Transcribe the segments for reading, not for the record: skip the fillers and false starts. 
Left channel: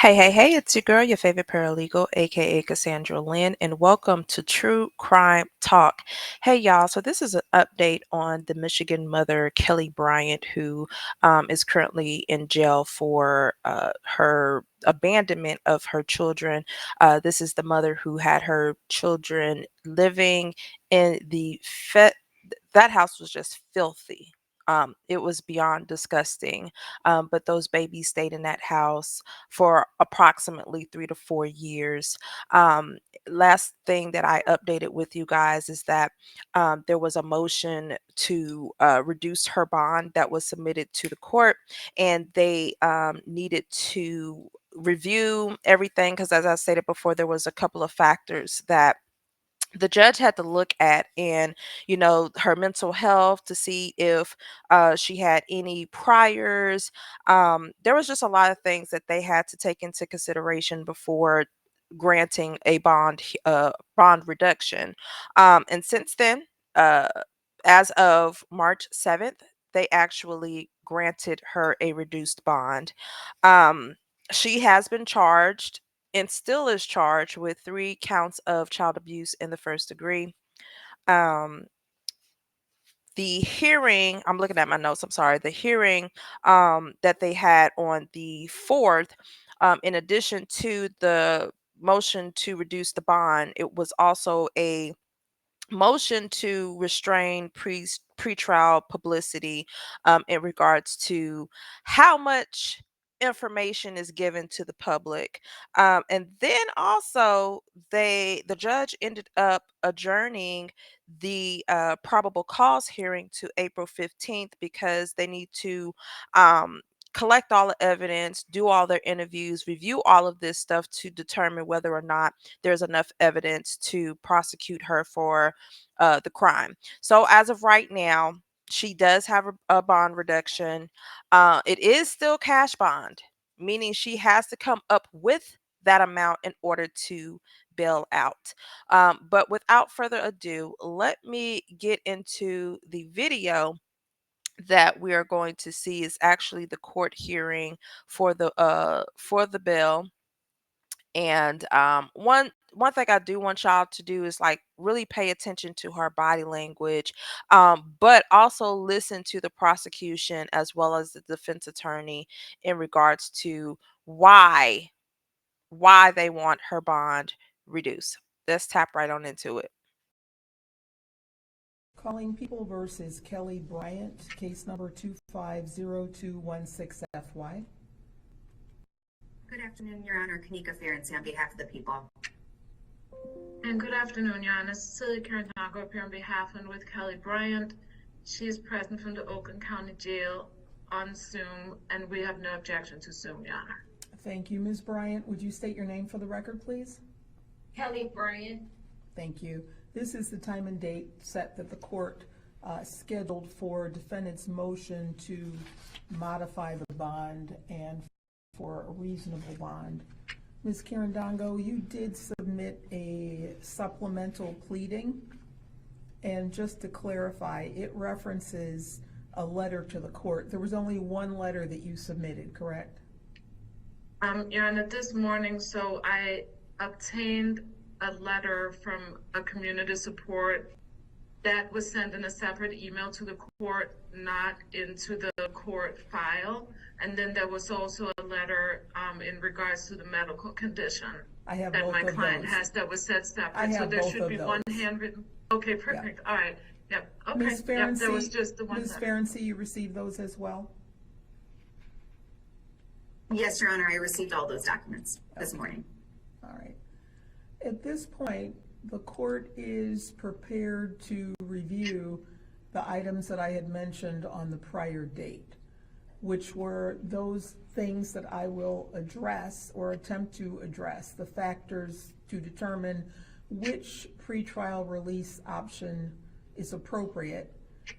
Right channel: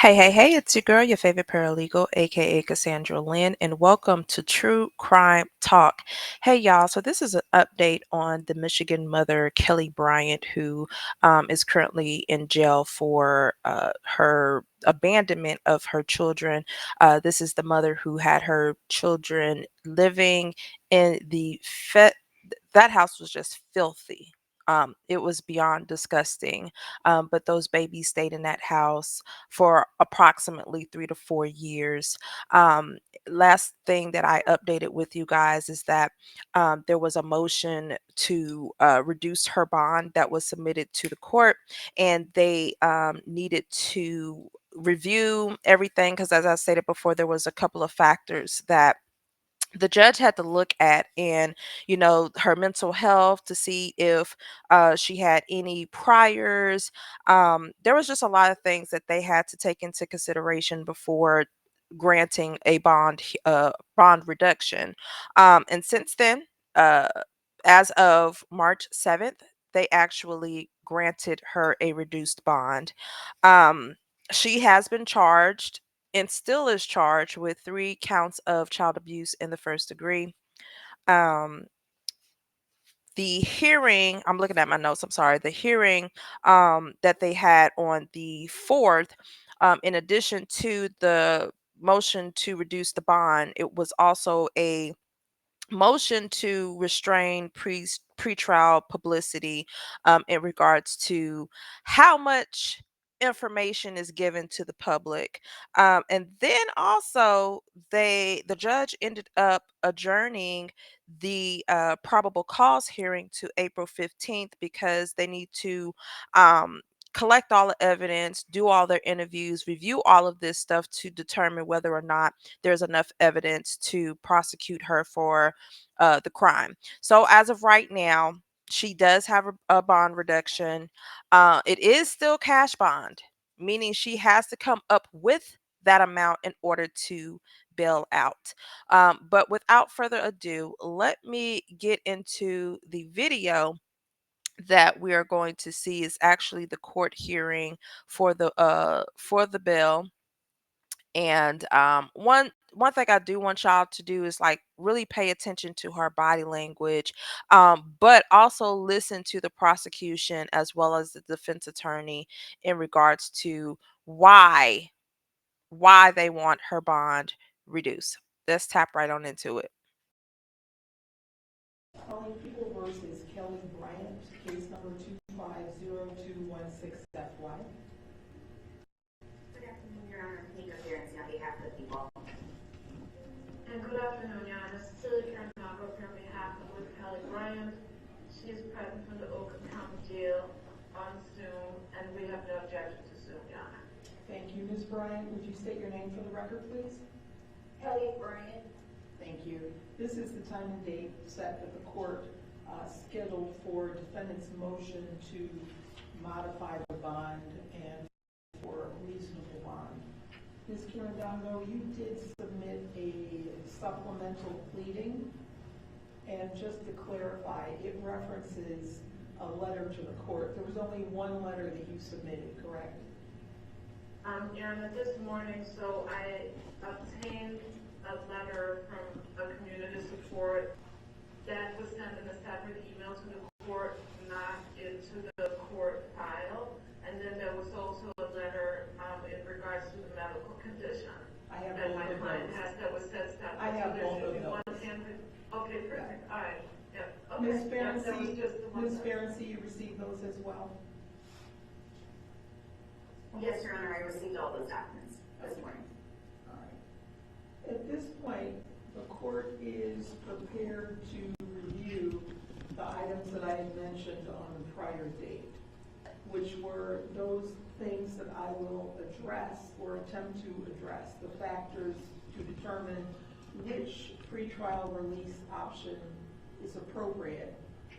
Hey, it's your girl, your favorite paralegal, aka Cassandra Lynn, and welcome to True Crime Talk. Hey, y'all, so this is an update on the Michigan mother, Kelly Bryant, who is currently in jail for her abandonment of her children. This is the mother who had her children living in that house was just filthy. It was beyond disgusting. But those babies stayed in that house for approximately 3 to 4 years. Um, Last thing that I updated with you guys is that there was a motion to reduce her bond that was submitted to the court, and they needed to review everything because, as I stated before, there was a couple of factors that the judge had to look at, and her mental health to see if she had any priors. There was just a lot of things that they had to take into consideration before granting a bond reduction. And since then, uh, as of March 7th, they actually granted her a reduced bond. She has been charged and still is charged with 3 counts of child abuse in the first degree. Um, the hearing, I'm looking at my notes, I'm sorry. The hearing that they had on the 4th, in addition to the motion to reduce the bond, it was also a motion to restrain pretrial publicity in regards to how much information is given to the public. And then also the judge ended up adjourning the probable cause hearing to April 15th because they need to collect all the evidence, do all their interviews, review all of this stuff to determine whether or not there's enough evidence to prosecute her for the crime. So as of right now, she does have a bond reduction. It is still cash bond, meaning she has to come up with that amount in order to bail out. But without further ado, let me get into the video that we are going to see is actually the court hearing for the bill. And one thing I do want y'all to do is like really pay attention to her body language, but also listen to the prosecution as well as the defense attorney in regards to why they want her bond reduced. Let's tap right on into it. Calling People versus Kelly Bryant, case number 250216FY. Good afternoon, Your Honor. Kanika Ferenczi on behalf of the people. And good afternoon, Your Honor. Cecilia Caranago appear on behalf and with Kelly Bryant. She is present from the Oakland County Jail on Zoom, and we have no objection to Zoom, Your Honor. Thank you, Ms. Bryant. Would you state your name for the record, please? Kelly Bryant. Thank you. This is the time and date set that the court scheduled for defendant's motion to modify the bond and for a reasonable bond. Ms. Carandongo, you did submit a supplemental pleading, and just to clarify, it references a letter to the court. There was only one letter that you submitted, correct? Your Honor, this morning, so I obtained a letter from a community support that was sent in a separate email to the court, not into the court file. And then there was also a letter in regards to the medical condition that my client has that was set separate. So there should be one handwritten. Okay, perfect. Yeah. All right. Yep. Okay. Ms. Ferenczi, yep, there was just the one. Ms. Ferenczi, you received those as well? Yes, Your Honor. I received all those documents this morning. All right. At this point, the court is prepared to review the items that I had mentioned on the prior date, which were those things that I will address or attempt to address, the factors to determine which pretrial release option is appropriate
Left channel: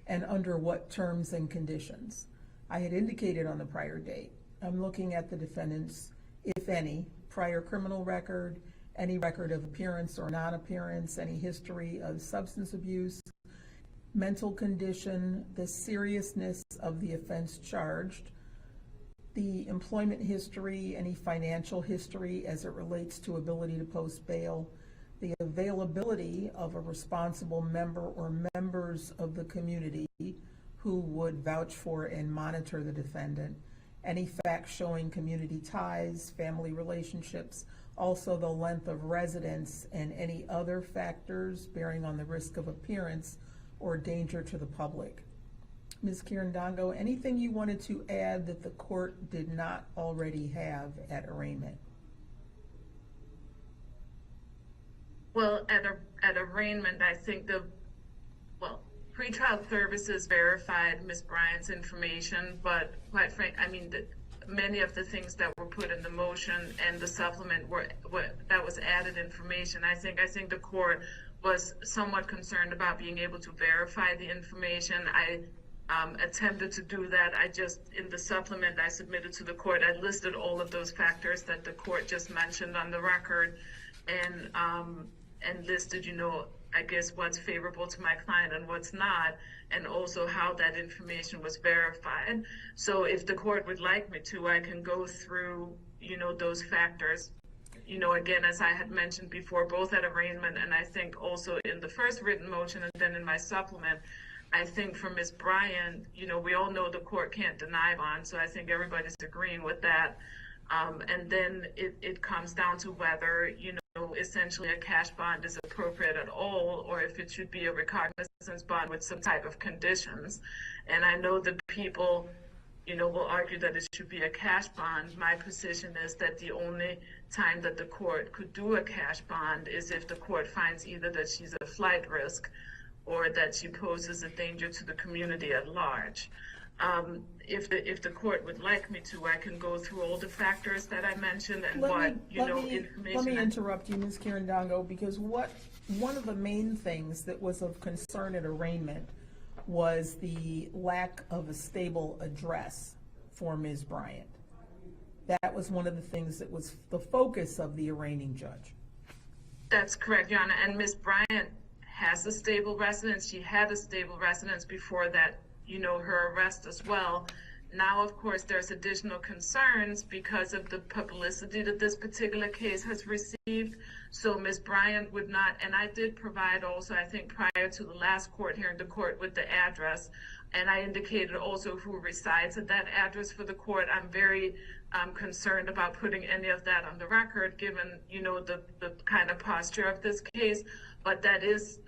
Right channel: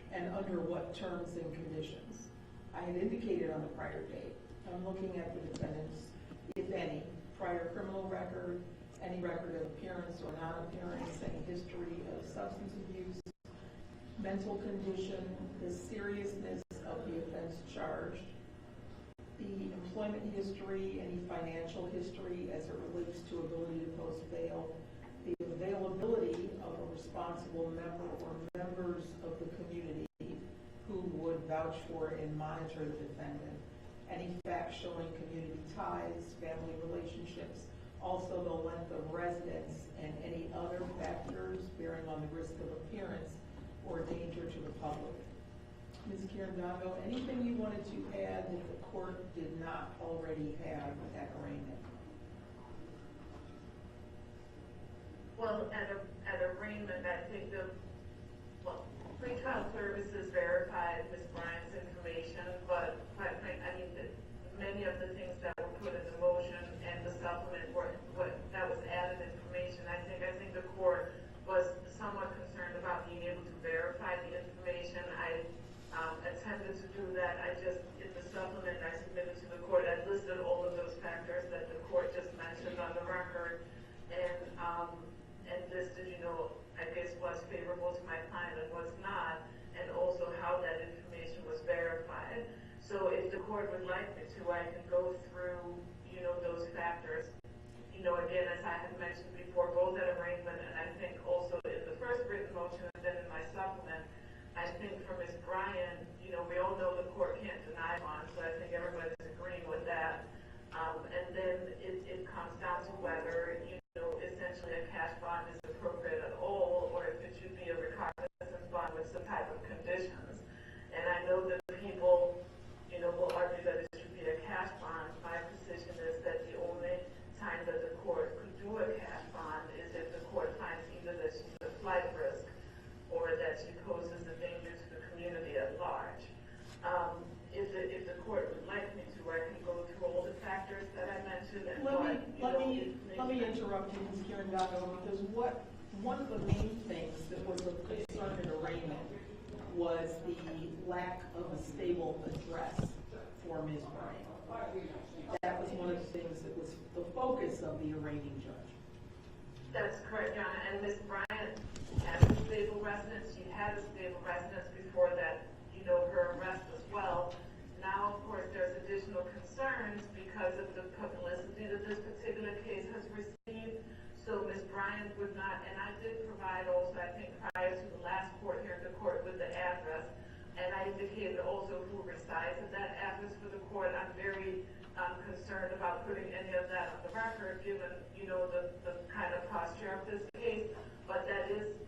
and under what terms and conditions. I had indicated on the prior date, I'm looking at the defendant's, if any, prior criminal record, any record of appearance or non-appearance, any history of substance abuse, mental condition, the seriousness of the offense charged, the employment history, any financial history as it relates to ability to post bail, the availability of a responsible member or members of the community who would vouch for and monitor the defendant, any facts showing community ties, family relationships, also the length of residence, and any other factors bearing on the risk of appearance or danger to the public. Ms. Kirandongo, anything you wanted to add that the court did not already have at arraignment? Well, at arraignment, I think pretrial services verified Ms. Bryant's information, but quite frankly, I mean, many of the things that were put in the motion and the supplement that was added information. I think the court was somewhat concerned about being able to verify the information. I attempted to do that. In the supplement I submitted to the court, I listed all of those factors that the court just mentioned on the record, and listed, I guess what's favorable to my client and what's not, and also how that information was verified. So if the court would like me to, I can go through, those factors. Again, as I had mentioned before, both at arraignment and I think also in the first written motion and then in my supplement, I think for Ms. Bryant, we all know the court can't deny bond, so I think everybody's agreeing with that. And then it comes down to whether, essentially a cash bond is appropriate at all, or if it should be a recognizance bond with some type of conditions. And I know that people, will argue that it should be a cash bond. My position is that the only time that the court could do a cash bond is if the court finds either that she's a flight risk or that she poses a danger to the community at large. If the court would like me to, I can go through all the factors that I mentioned and information. Let me interrupt you, Ms. Kirandongo, because one of the main things that was of concern at arraignment was the lack of a stable address for Ms. Bryant. That was one of the things that was the focus of the arraigning judge. That's correct, Your Honor. And Ms. Bryant has a stable residence. She had a stable residence before that, her arrest as well. Now, of course, there's additional concerns because of the publicity that this particular case has received. So Ms. Bryant would not, and I did provide also, I think prior to the last court hearing, the court with the address, and I indicated also who resides at that address for the court. I'm very concerned about putting any of that on the record, given, the kind of posture of this case. But that is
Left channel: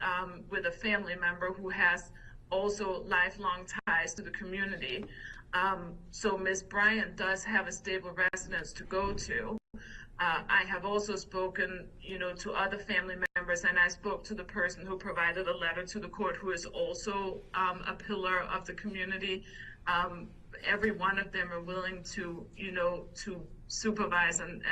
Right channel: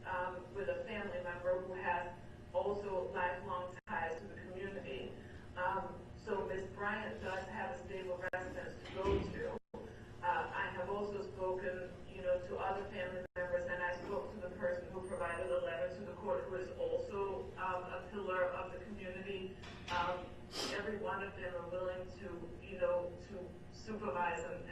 with a family member who has also lifelong ties to the community. So Ms. Bryant does have a stable residence to go to. I have also spoken, to other family members, and I spoke to the person who provided a letter to the court, who is also a pillar of the community. Every one of them are willing to, to supervise and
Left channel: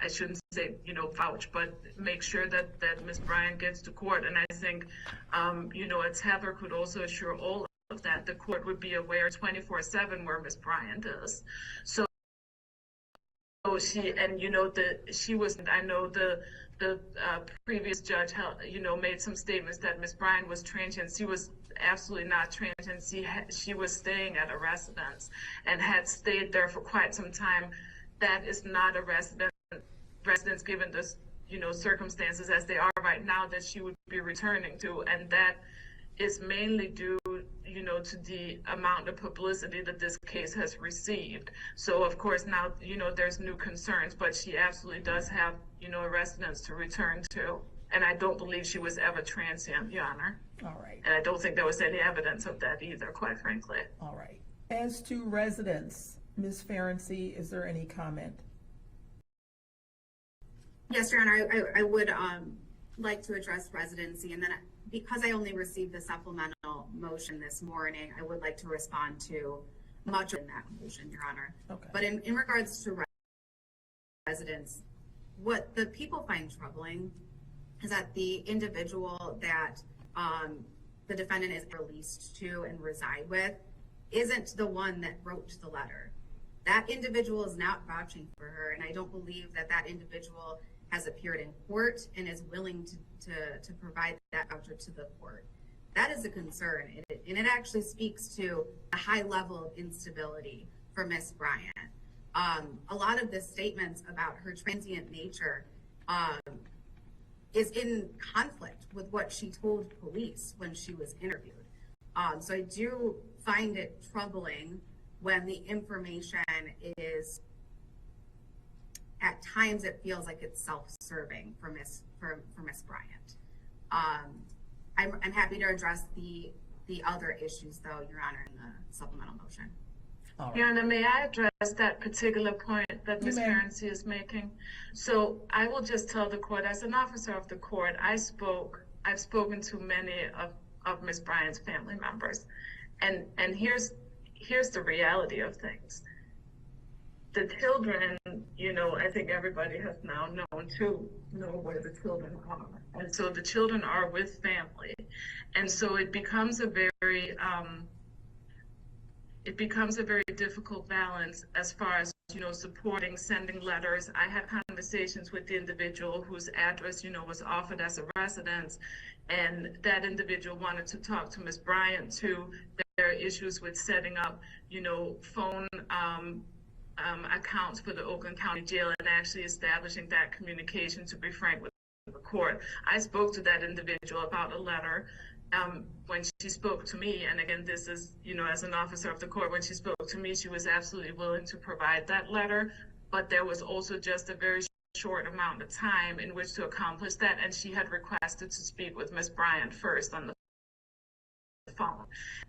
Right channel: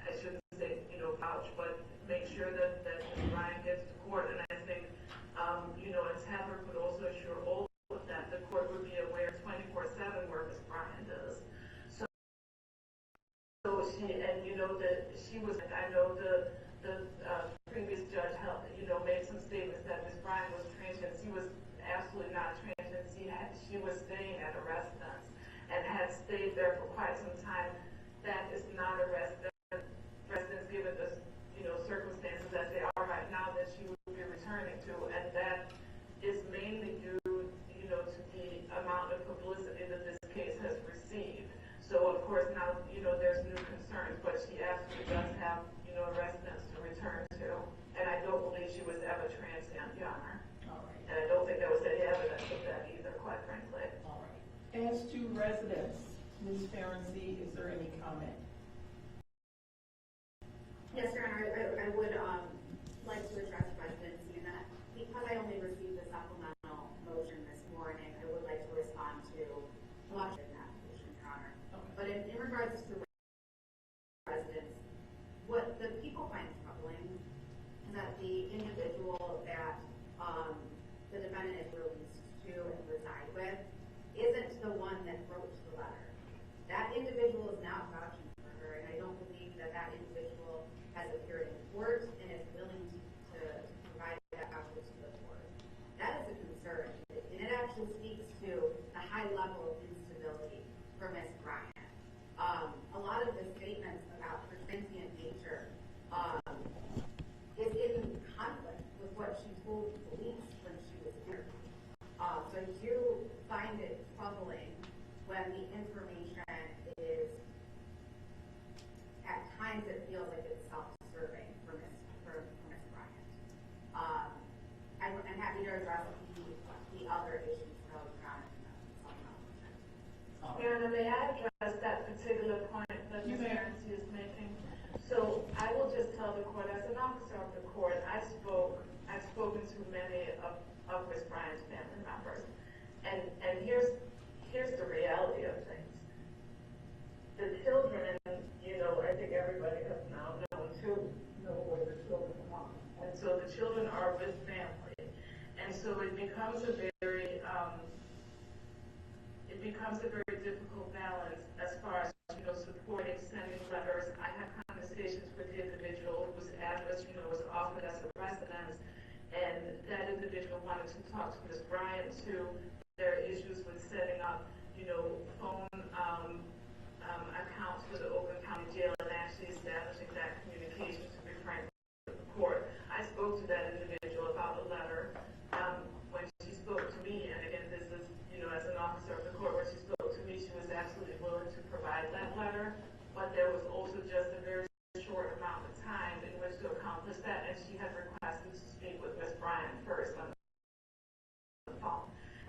I shouldn't say, vouch, but make sure that Ms. Bryant gets to court. And I think, a tether could also assure all of that. The court would be aware 24/7 where Ms. Bryant is. So she, and she was, I know the previous judge, made some statements that Ms. Bryant was transient. She was absolutely not transient. She was staying at a residence and had stayed there for quite some time. That is not a residence given the circumstances as they are right now that she would be returning to, and that is mainly due to the amount of publicity that this case has received. So of course now there's new concerns, but she absolutely does have a residence to return to, and I don't believe she was ever transient, Your Honor. All right. And I don't think there was any evidence of that either, quite frankly. All right. As to residence, Ms. Ferenczi, is there any comment? Yes, Your Honor, I would like to address residency, and then because I only received the supplemental motion this morning, I would like to respond to much of that motion, Your Honor. Okay. But in regards to residence, what the people find troubling is that the individual that the defendant is released to and reside with isn't the one that wrote the letter. That individual is not vouching for her, and I don't believe that that individual has appeared in court and is willing to provide that voucher to the court. That is a concern, and it actually speaks to a high level of instability for Miss Bryant. A lot of the statements about her transient nature is in conflict with what she told police when she was interviewed. So I do find it troubling when the information is, at times it feels like it's self-serving for Miss Bryant. I'm happy to address the other issues, though, Your Honor, in the supplemental motion. Your Honor, may I address that particular point that Ms. Currency is making? So I will just tell the court, as an officer of the court, I've spoken to many of Ms. Bryant's family members. And here's the reality of things. The children, I think everybody has now known to know where the children are. And so the children are with family. And so it becomes a very difficult balance as far as, supporting, sending letters. I had conversations with the individual whose address, was offered as a residence, and that individual wanted to talk to Ms. Bryant too. There are issues with setting up, phone accounts for the Oakland County Jail and actually establishing that communication, to be frank with the court. I spoke to that individual about a letter when she spoke to me, and again, this is, as an officer of the court, when she spoke to me, she was absolutely willing to provide that letter, but there was also just a very short amount of time in which to accomplish that, and she had requested to speak with Ms. Bryant first on the phone.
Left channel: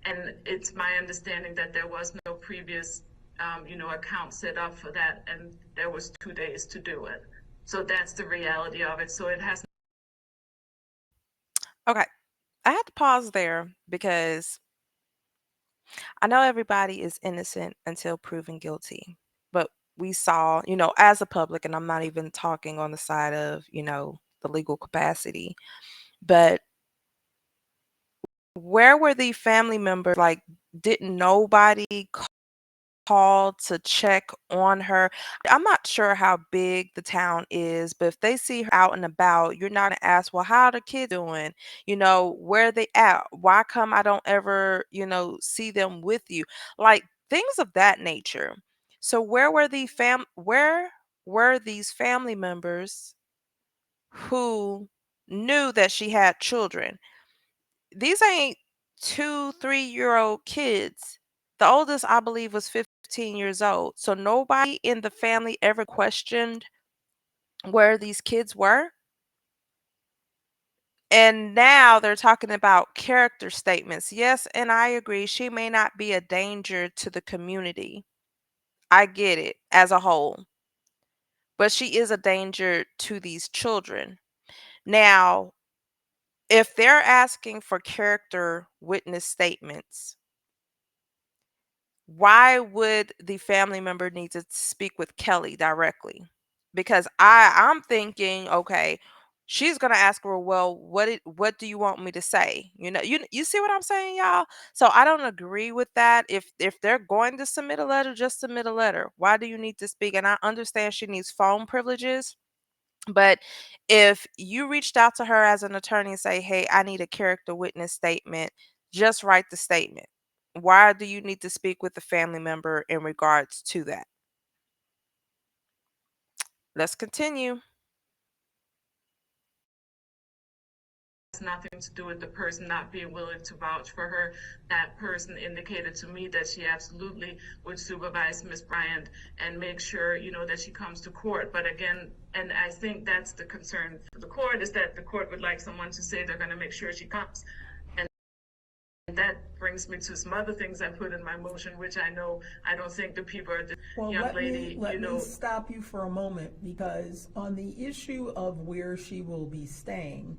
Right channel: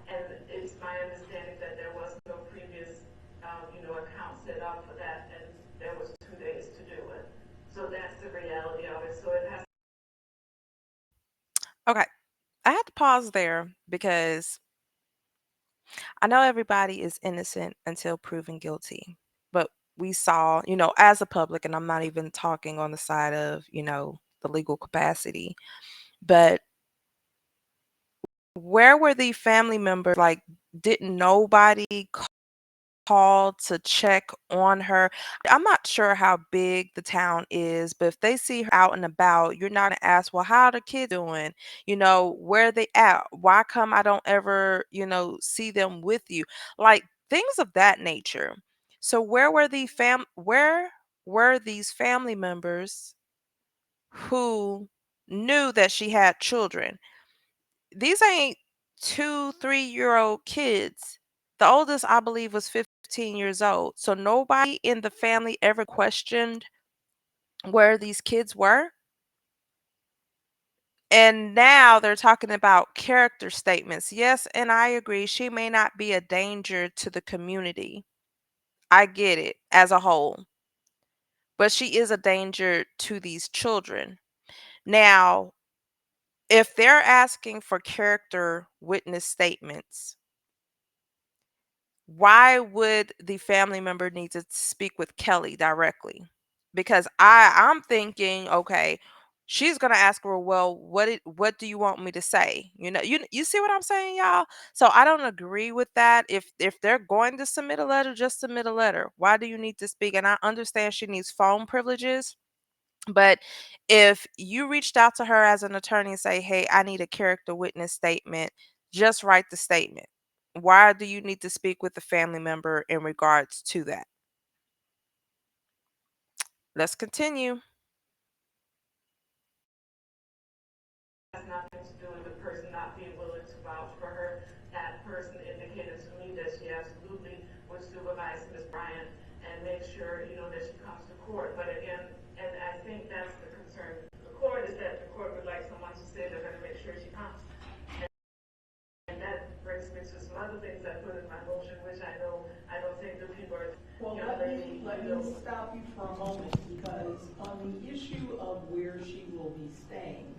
And it's my understanding that there was no previous account set up for that, and there was 2 days to do it. So that's the reality of it. So it has. Okay. I had to pause there because I know everybody is innocent until proven guilty. But we saw, as a public, and I'm not even talking on the side of, the legal capacity, but where were the family members? Like, didn't nobody call to check on her? I'm not sure how big the town is, but if they see her out and about, you're not gonna ask, well, how are the kids doing? Where are they at? Why come I don't ever, see them with you? Like things of that nature. So where were these family members who knew that she had children? These ain't 2, 3-year-old kids. The oldest, I believe, was 15 years old. So nobody in the family ever questioned where these kids were. And now they're talking about character statements. Yes, and I agree. She may not be a danger to the community. I get it as a whole. But she is a danger to these children. Now, if they're asking for character witness statements, why would the family member need to speak with Kelly directly? Because I'm thinking, okay, she's gonna ask her, well, what do you want me to say? You see what I'm saying, y'all? So I don't agree with that. If they're going to submit a letter, just submit a letter. Why do you need to speak? And I understand she needs phone privileges, but if you reached out to her as an attorney and say, hey, I need a character witness statement, just write the statement. Why do you need to speak with the family member in regards to that? Let's continue. Has nothing to do with the person not being willing to vouch for her. That person indicated to me that she absolutely would supervise Ms. Bryant and make sure, that she comes to court. But again, and I think that's the concern for the court, is that the court would like someone to say they're going to make sure she comes. And that brings me to some other things I put in my motion, which I don't think the people are the young lady, Let me stop you for a moment, because on the issue of where she will be staying,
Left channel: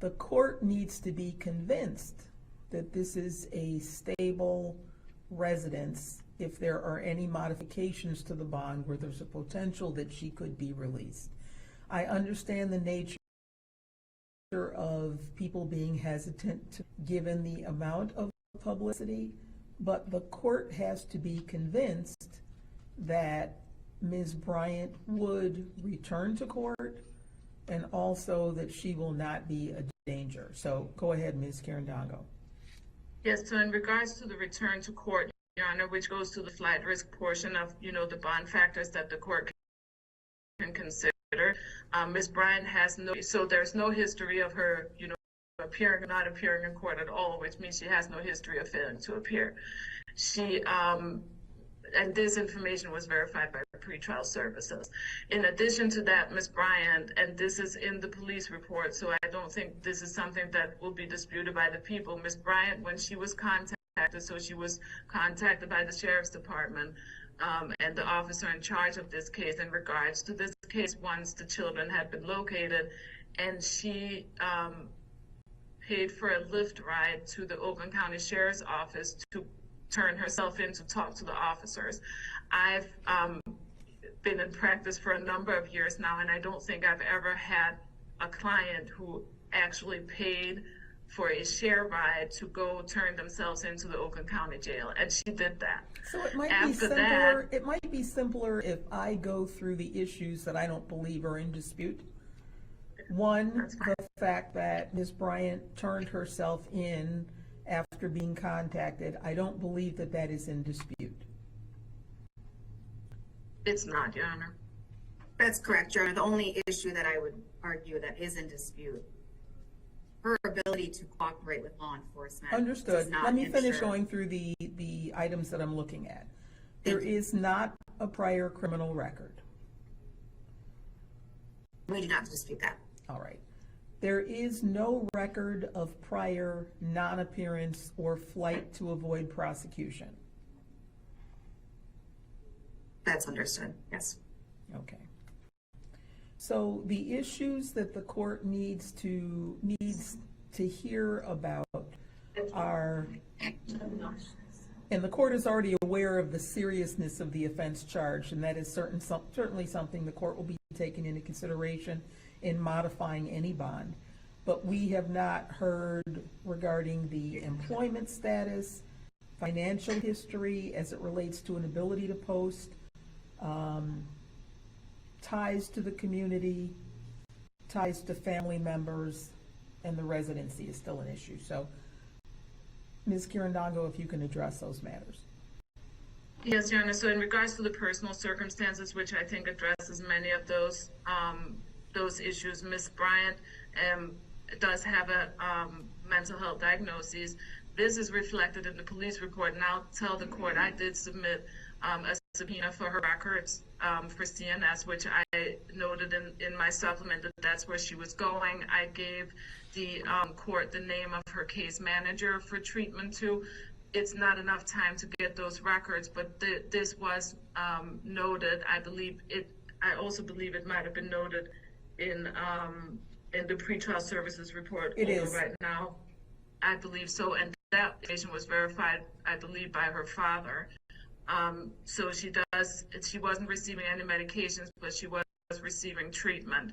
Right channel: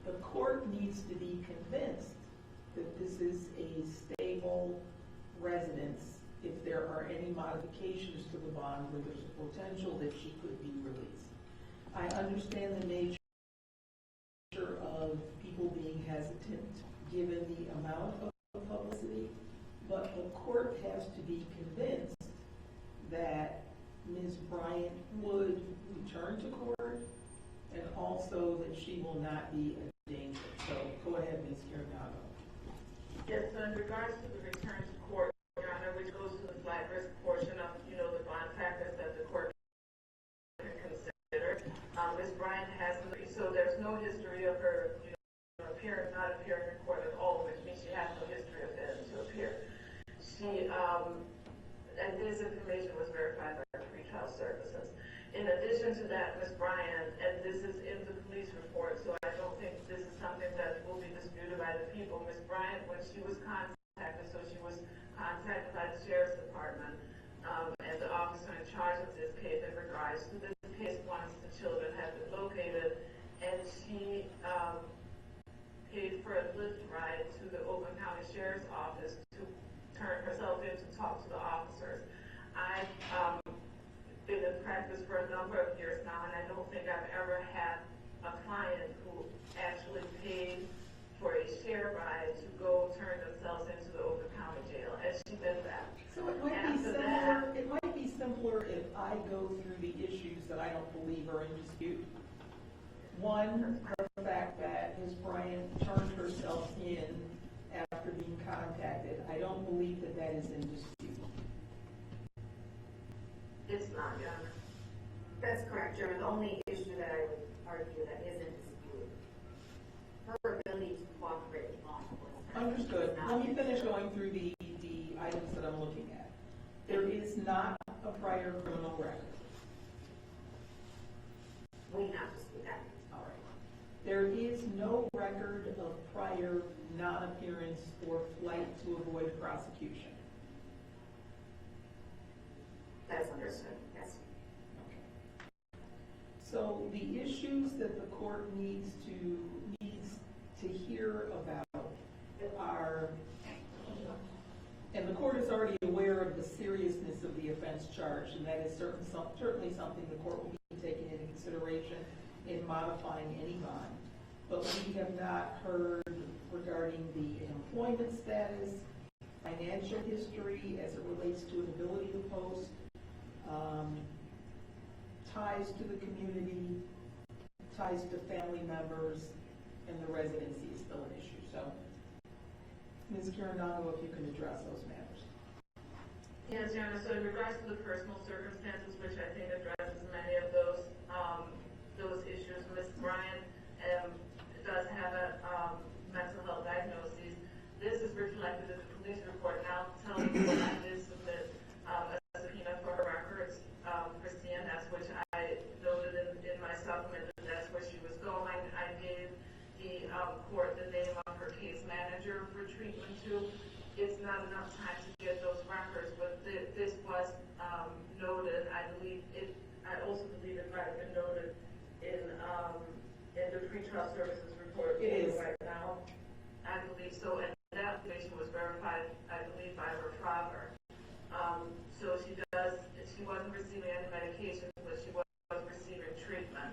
the court needs to be convinced that this is a stable residence if there are any modifications to the bond where there's a potential that she could be released. I understand the nature of people being hesitant given the amount of publicity, but the court has to be convinced that Ms. Bryant would return to court and also that she will not be a danger. So go ahead, Ms. Carindano. Yes, so in regards to the return to court, Your Honor, which goes to the flight risk portion of, the bond factors that the court can consider. Ms. Bryant has so there's no history of her, appearing or not appearing in court at all, which means she has no history of failing to appear. She, and this information was verified by pretrial services. In addition to that, Ms. Bryant, and this is in the police report, so I don't think this is something that will be disputed by the people. Ms. Bryant, when she was contacted, so she was contacted by the Sheriff's Department and the officer in charge of this case in regards to this case once the children had been located, and she paid for a Lyft ride to the Oakland County Sheriff's Office to turn herself in to talk to the officers. I've been in practice for a number of years now, and I don't think I've ever had a client who actually paid for a share ride to go turn themselves into the Oakland County Jail, and she did that. So it might be simpler if I go through the issues that I don't believe are in dispute. One, the fact that Ms. Bryant turned herself in after being contacted. I don't believe that that is in dispute. It's not, Your Honor. That's correct, Your Honor. The only issue that I would argue that is in dispute, her ability to cooperate with law enforcement. Understood. Let me finish going through the items that I'm looking at. There is not a prior criminal record. We do not dispute that. All right. There is no record of prior non-appearance or flight to avoid prosecution. That's understood, yes. Okay. So the issues that the court needs to hear about are, and the court is already aware of the seriousness of the offense charged, and that is certainly something the court will be taking into consideration in modifying any bond. But we have not heard regarding the employment status, financial history as it relates to an ability to post, ties to the community, ties to family members, and the residency is still an issue. So, Ms. Kirandongo, if you can address those matters. Yes, Your Honor. So in regards to the personal circumstances, which I think addresses many of those issues, Ms. Bryant does have a mental health diagnosis. This is reflected in the police report, and I'll tell the court I did submit a subpoena for her records for CNS, which I noted in my supplement that that's where she was going. I gave the court the name of her case manager for treatment too. It's not enough time to get those records, but this was noted. I also believe it might have been noted in the pretrial services report. It is right now. I believe so, and that information was verified, I believe, by her father. So she wasn't receiving any medications, but she was receiving treatment.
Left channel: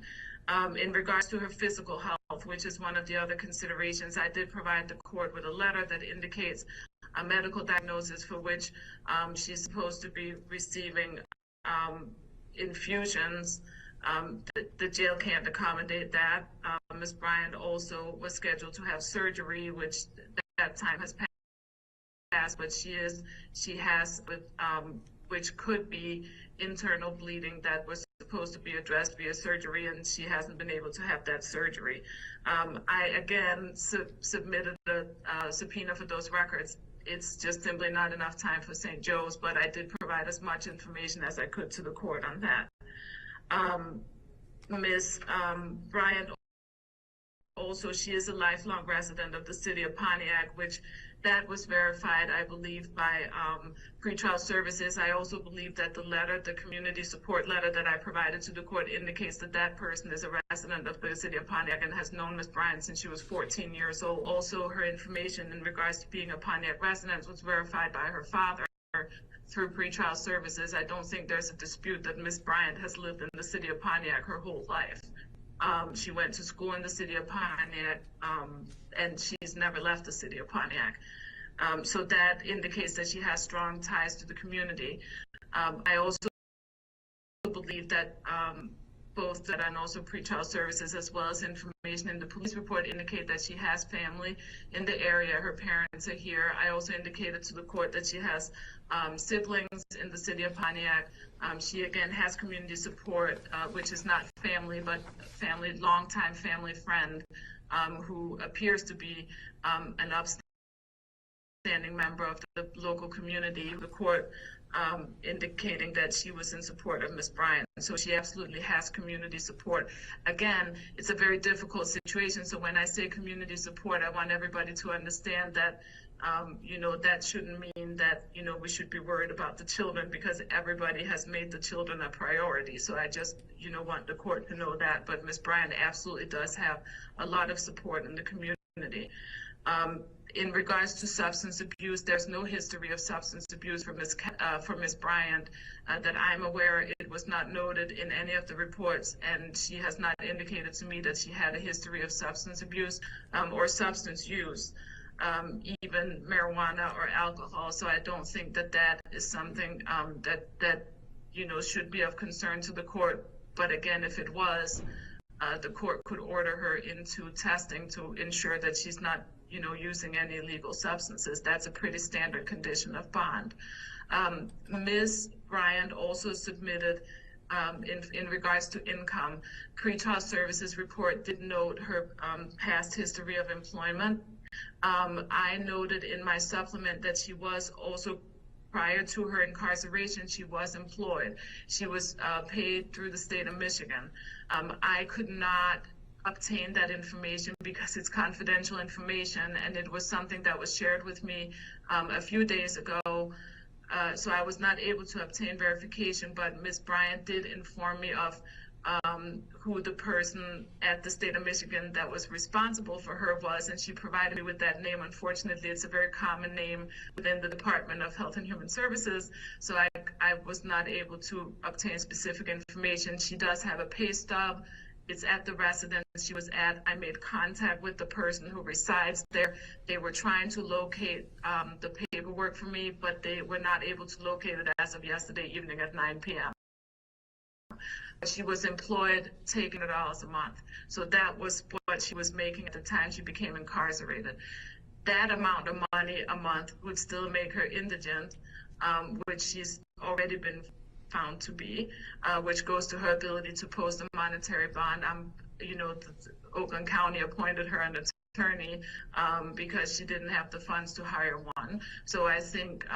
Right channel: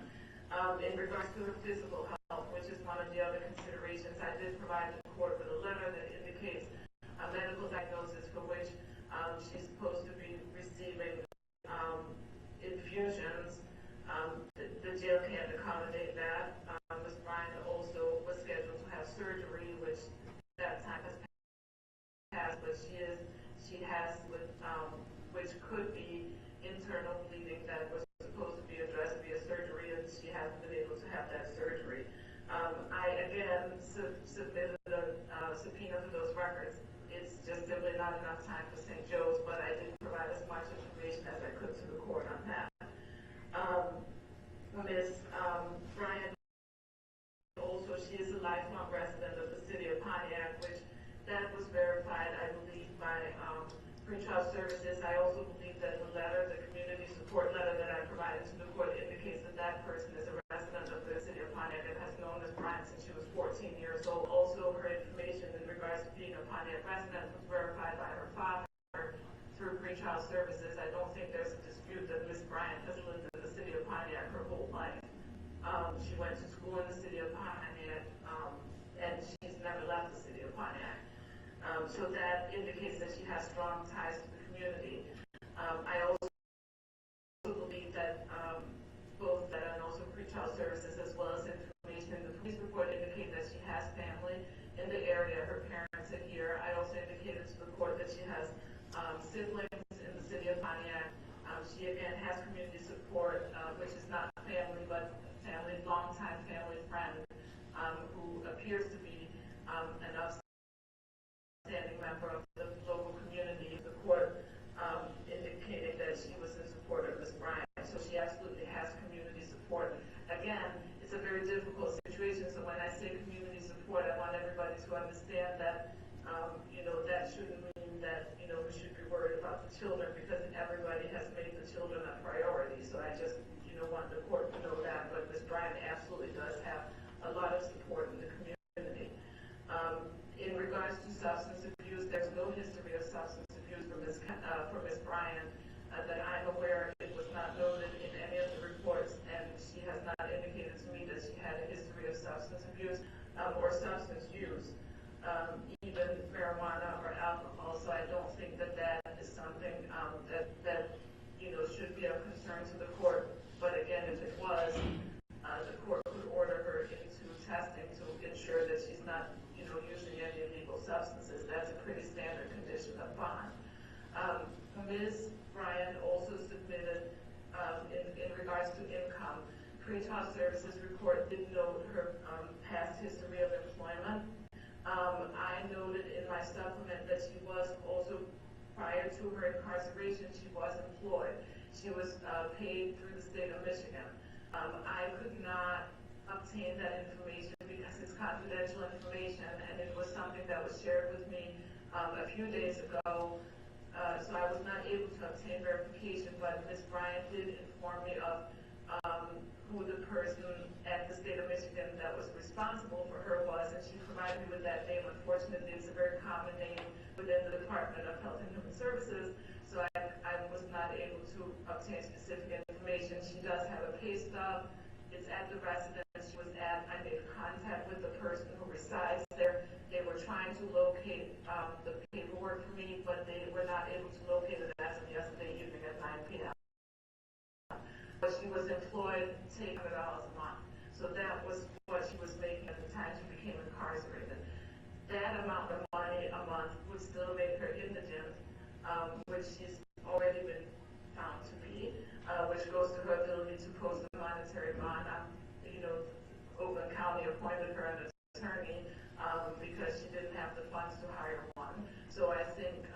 In regards to her physical health, which is one of the other considerations, I did provide the court with a letter that indicates a medical diagnosis for which she's supposed to be receiving infusions. The jail can't accommodate that. Ms. Bryant also was scheduled to have surgery, which that time has passed, but she has with which could be internal bleeding that was supposed to be addressed via surgery, and she hasn't been able to have that surgery. I again submitted a subpoena for those records. It's just simply not enough time for St. Joe's, but I did provide as much information as I could to the court on that. Ms. Bryant also, she is a lifelong resident of the city of Pontiac, which that was verified, I believe, by pretrial services. I also believe that the community support letter that I provided to the court indicates that that person is a resident of the city of Pontiac and has known Ms. Bryant since she was 14 years old. Also, her information in regards to being a Pontiac resident was verified by her father through pretrial services. I don't think there's a dispute that Ms. Bryant has lived in the city of Pontiac her whole life. She went to school in the city of Pontiac, and she's never left the city of Pontiac. So that indicates that she has strong ties to the community. I also believe that both that and also pretrial services, as well as information in the police report, indicate that she has family in the area. Her parents are here. I also indicated to the court that she has siblings in the city of Pontiac. She again has community support, which is not family, but family, longtime family friend, who appears to be an upstanding member of the local community. The court indicating that she was in support of Ms. Bryant. So she absolutely has community support. Again, it's a very difficult situation. So when I say community support, I want everybody to understand that that shouldn't mean that, we should be worried about the children, because everybody has made the children a priority. So I just, want the court to know that. But Ms. Bryant absolutely does have a lot of support in the community. In regards to substance abuse, there's no history of substance abuse for Ms. Bryant that I'm aware. It was not noted in any of the reports, and she has not indicated to me that she had a history of substance abuse or substance use, even marijuana or alcohol. So I don't think that is something that should be of concern to the court. But again, if it was, the court could order her into testing to ensure that she's not, using any illegal substances. That's a pretty standard condition of bond. Ms. Bryant also submitted, in regards to income, pretrial services report did note her past history of employment. I noted in my supplement that she was also, prior to her incarceration, she was employed. She was paid through the state of Michigan. I could not obtain that information because it's confidential information, and it was something that was shared with me a few days ago. So I was not able to obtain verification, but Ms. Bryant did inform me of who the person at the state of Michigan that was responsible for her was, and she provided me with that name. Unfortunately, it's a very common name within the Department of Health and Human Services, so I was not able to obtain specific information. She does have a pay stub. It's at the residence she was at. I made contact with the person who resides there. They were trying to locate the paperwork for me, but they were not able to locate it as of yesterday evening at 9 p.m. She was employed, taking $100 a month. So that was what she was making at the time she became incarcerated. That amount of money a month would still make her indigent, which she's already been found to be, which goes to her ability to post a monetary bond. Oakland County appointed her an attorney because she didn't have the funds to hire one. So I think,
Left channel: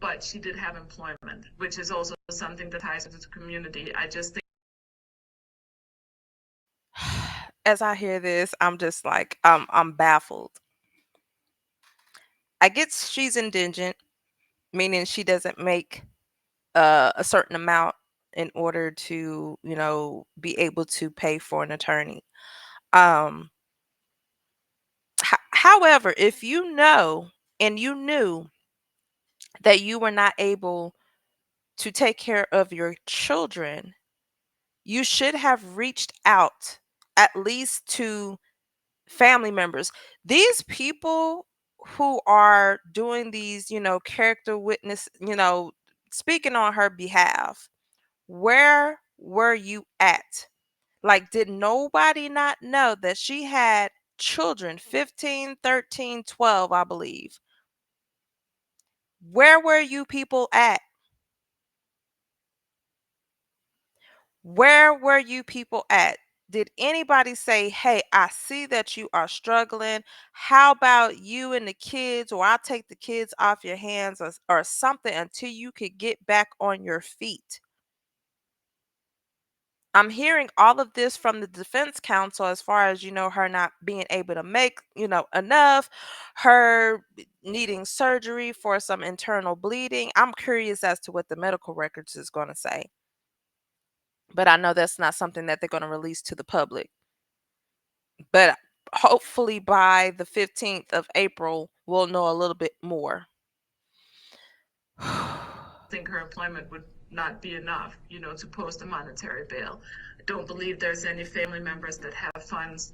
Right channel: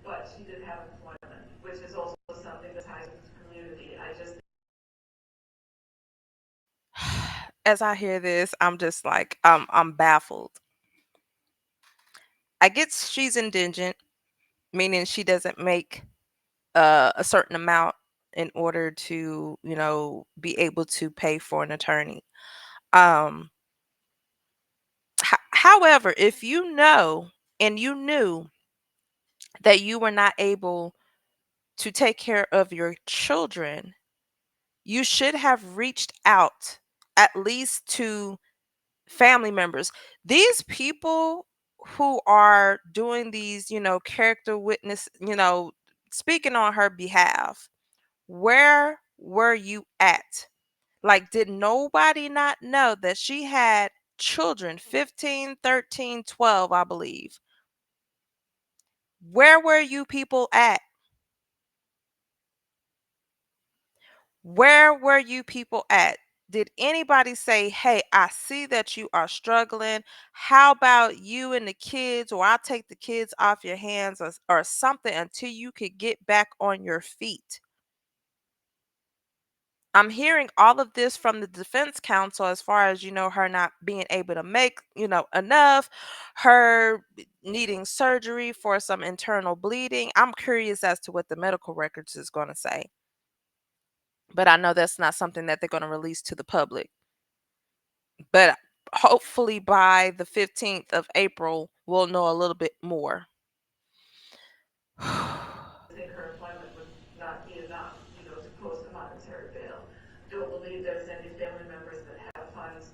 but she did have employment, which is also something that ties into the community. I just think. As I hear this, I'm just like, I'm baffled. I get she's indigent, meaning she doesn't make a certain amount in order to, be able to pay for an attorney. Um, however, if you know and you knew that you were not able to take care of your children, you should have reached out at least to family members. These people who are doing these, character witness, speaking on her behalf, where were you at? Like, did nobody not know that she had children, 15, 13, 12, I believe? Where were you people at? Where were you people at? Did anybody say, hey, I see that you are struggling. How about you and the kids, or I'll take the kids off your hands, or something until you could get back on your feet? I'm hearing all of this from the defense counsel as far as, her not being able to make, enough, her needing surgery for some internal bleeding. I'm curious as to what the medical records is going to say. But I know that's not something that they're going to release to the public. But hopefully by the 15th of April, we'll know a little bit more. Think her employment would not be enough, to post a monetary bail. I don't believe there's any family members that have funds.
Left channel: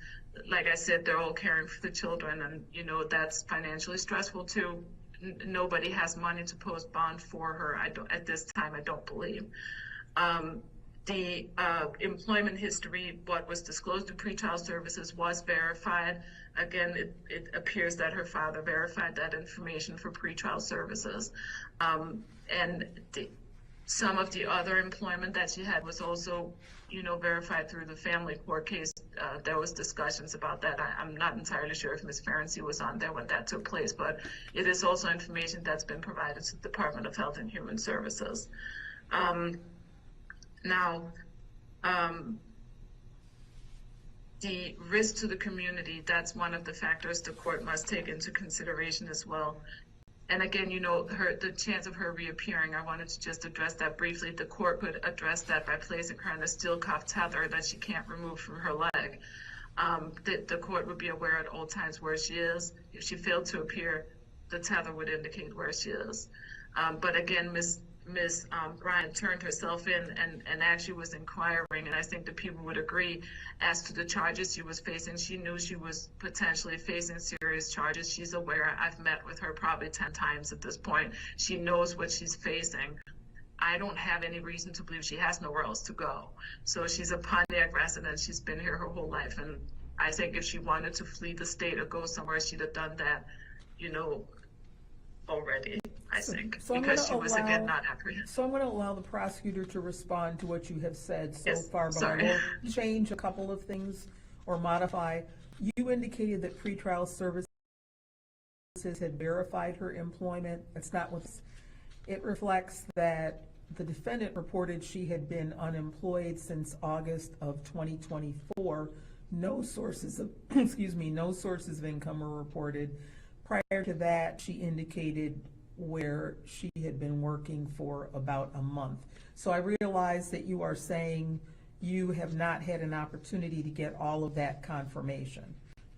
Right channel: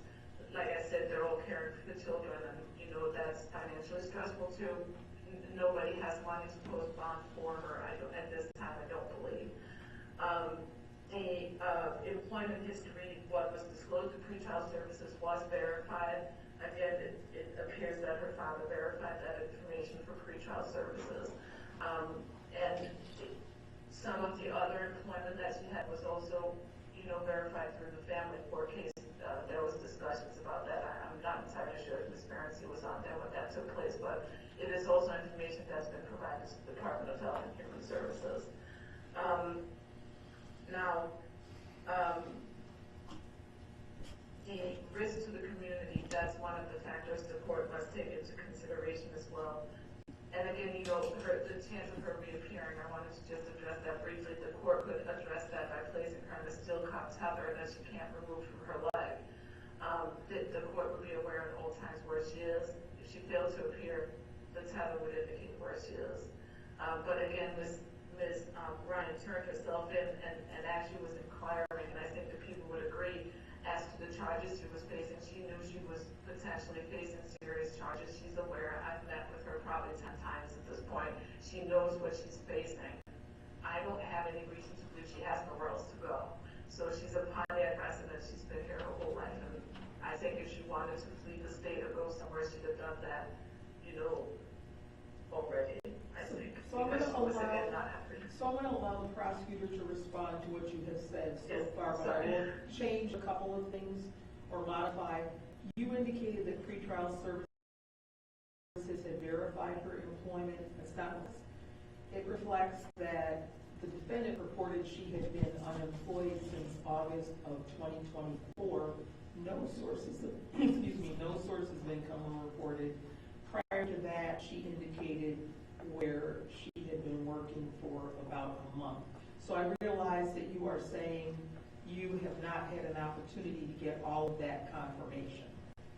Like I said, they're all caring for the children, and that's financially stressful too. Nobody has money to post bond for her. I don't, at this time, I don't believe. The employment history, what was disclosed to pretrial services, was verified. again, it appears that her father verified that information for pretrial services. And some of the other employment that she had was also, verified through the family court case. There was discussions about that. I'm not entirely sure if Ms. Ferenczi was on there when that took place, but it is also information that's been provided to the Department of Health and Human Services. Now, the risk to the community, that's one of the factors the court must take into consideration as well. And again, the chance of her reappearing, I wanted to just address that briefly. The court could address that by placing her in a steel cuff tether that she can't remove from her leg. The court would be aware at all times where she is. If she failed to appear, the tether would indicate where she is. But again, Ms. Bryant turned herself in and actually was inquiring, and I think the people would agree as to the charges she was facing. She knew she was potentially facing serious charges. She's aware. I've met with her probably 10 times at this point. She knows what she's facing. I don't have any reason to believe she has nowhere else to go. So she's a Pontiac resident. She's been here her whole life, and I think if she wanted to flee the state or go somewhere, she'd have done that, already. I think, because she was, again, not apprehended. So I'm going to allow the prosecutor to respond to what you have said so far, but sorry. I will change a couple of things or modify. You indicated that pretrial services had verified her employment. It's not what it reflects. That the defendant reported she had been unemployed since August of 2024. No sources of no sources of income were reported. Prior to that, she indicated where she had been working for about a month. So I realize that you are saying you have not had an opportunity to get all of that confirmation,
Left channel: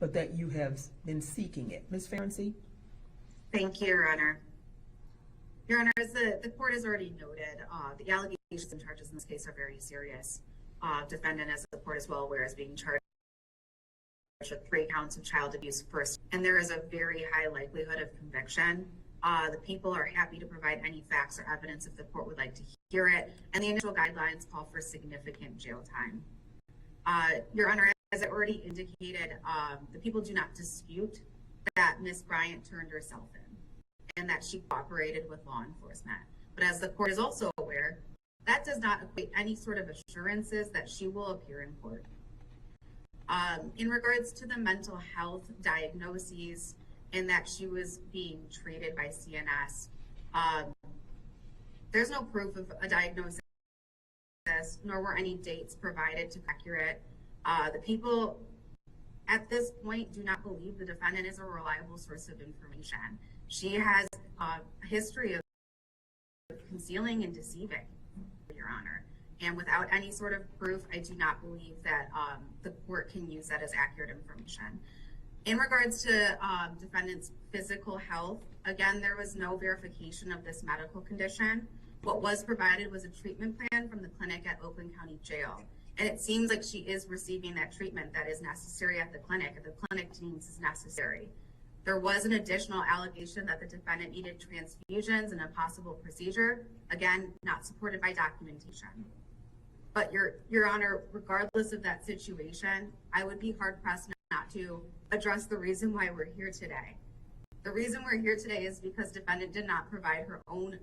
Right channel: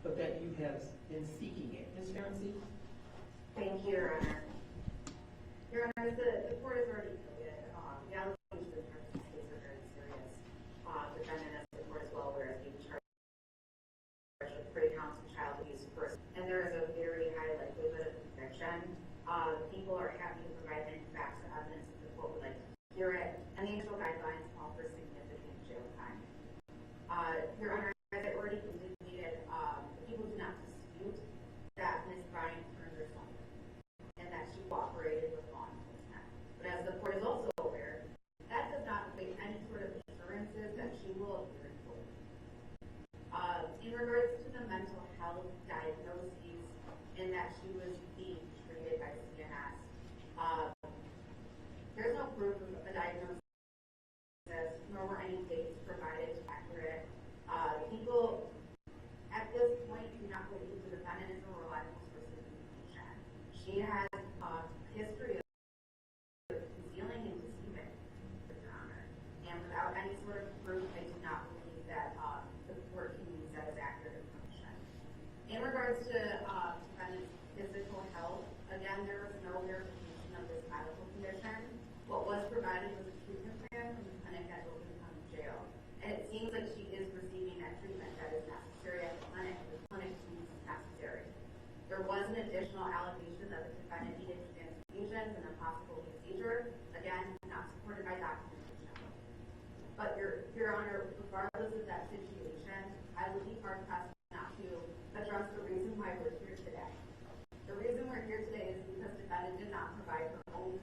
but that you have been seeking it. Ms. Ferenczi? Thank you, Your Honor. Your Honor, as the court has already noted, the allegations and charges in this case are very serious. Defendant, as the court is well aware, is being charged with 3 counts of child abuse first, and there is a very high likelihood of conviction. The people are happy to provide any facts or evidence if the court would like to hear it, and the initial guidelines call for significant jail time. Your Honor, as I already indicated, the people do not dispute that Ms. Bryant turned herself in and that she cooperated with law enforcement. But as the court is also aware, that does not equate any sort of assurances that she will appear in court. In regards to the mental health diagnoses and that she was being treated by CNS, there's no proof of a diagnosis, nor were any dates provided to be accurate. The people at this point do not believe the defendant is a reliable source of information. She has a history of concealing and deceiving, Your Honor. And without any sort of proof, I do not believe that the court can use that as accurate information. In regards to defendant's physical health, again, there was no verification of this medical condition. What was provided was a treatment plan from the clinic at Oakland County Jail. And it seems like she is receiving that treatment that is necessary at the clinic, and the clinic deems is necessary. There was an additional allegation that the defendant needed transfusions and a possible procedure, again, not supported by documentation. But Your Honor, regardless of that situation, I would be hard-pressed not to address the reason why we're here today. The reason we're here today is because defendant did not provide her own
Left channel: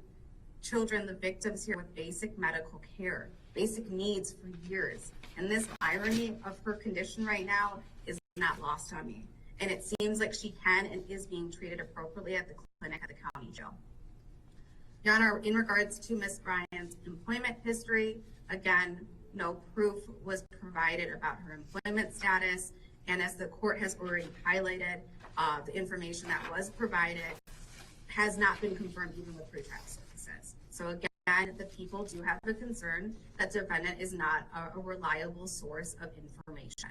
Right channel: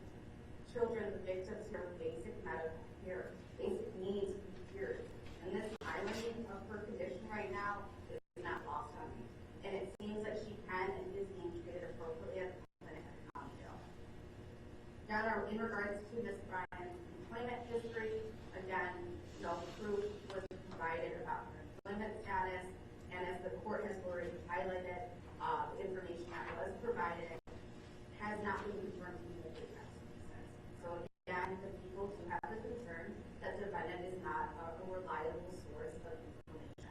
children, the victims here, with basic medical care, basic needs for years. And this irony of her condition right now is not lost on me. And it seems like she can and is being treated appropriately at the clinic at the county jail. Your Honor, in regards to Ms. Bryant's employment history, again, no proof was provided about her employment status. And as the court has already highlighted, the information that was provided has not been confirmed even with pretrial services. So again, the people do have a concern that defendant is not a reliable source of information.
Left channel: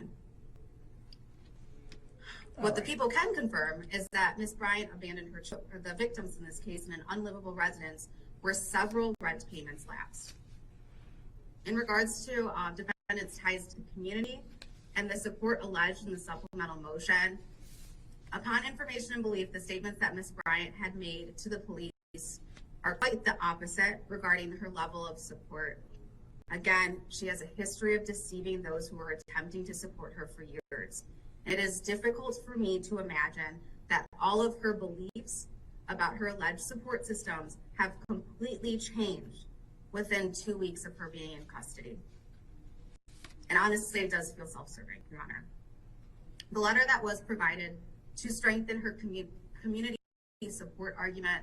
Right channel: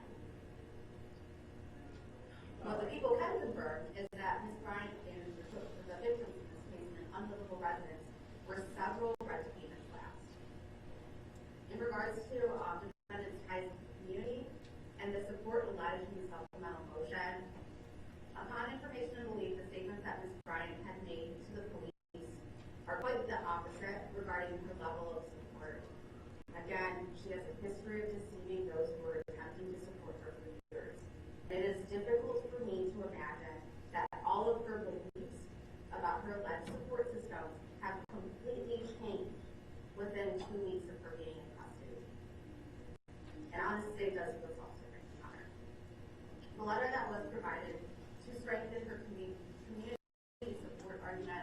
What the people can confirm is that Ms. Bryant abandoned her children, or the victims in this case, in an unlivable residence where several rent payments lapsed. In regards to defendant's ties to the community and the support alleged in the supplemental motion, upon information and belief, the statements that Ms. Bryant had made to the police are quite the opposite regarding her level of support. Again, she has a history of deceiving those who were attempting to support her for years. It is difficult for me to imagine that all of her beliefs about her alleged support systems have completely changed within 2 weeks of her being in custody. And honestly, it does feel self-serving, Your Honor. The letter that was provided to strengthen her community support argument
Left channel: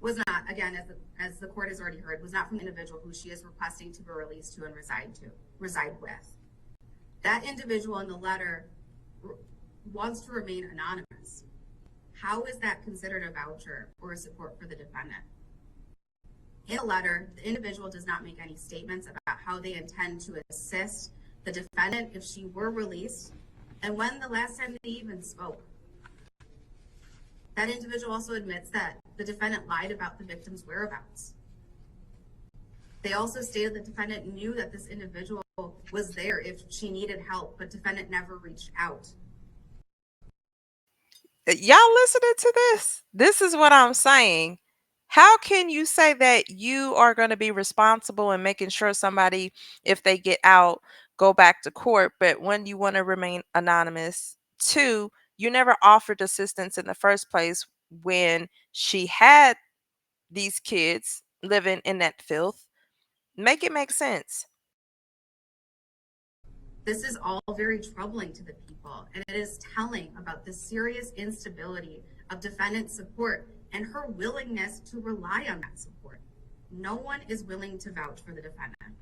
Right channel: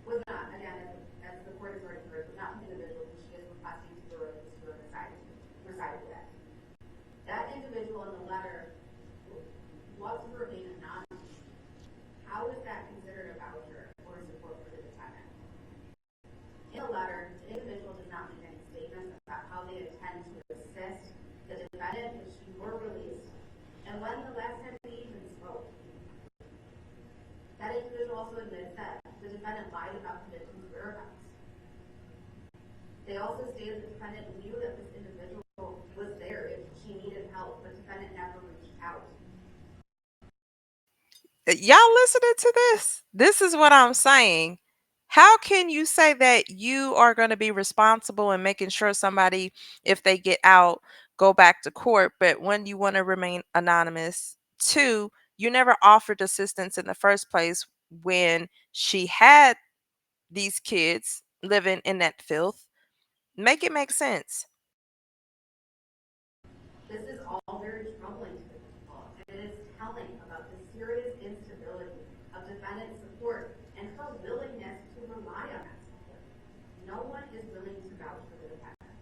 was not, again, as the court has already heard, was not from the individual who she is requesting to be released to and reside with. That individual in the letter wants to remain anonymous. How is that considered a voucher or a support for the defendant? In the letter, the individual does not make any statements about how they intend to assist the defendant if she were released, and when the last time they even spoke. That individual also admits that the defendant lied about the victim's whereabouts. They also stated the defendant knew that this individual was there if she needed help, but defendant never reached out. Y'all listening to this? This is what I'm saying. How can you say that you are going to be responsible in making sure somebody, if they get out, go back to court, but when you want to remain anonymous? Two, you never offered assistance in the first place when she had these kids living in that filth. Make it make sense. This is all very troubling to the people, and it is telling about the serious instability of defendant's support and her willingness to rely on that support. No one is willing to vouch for the defendant.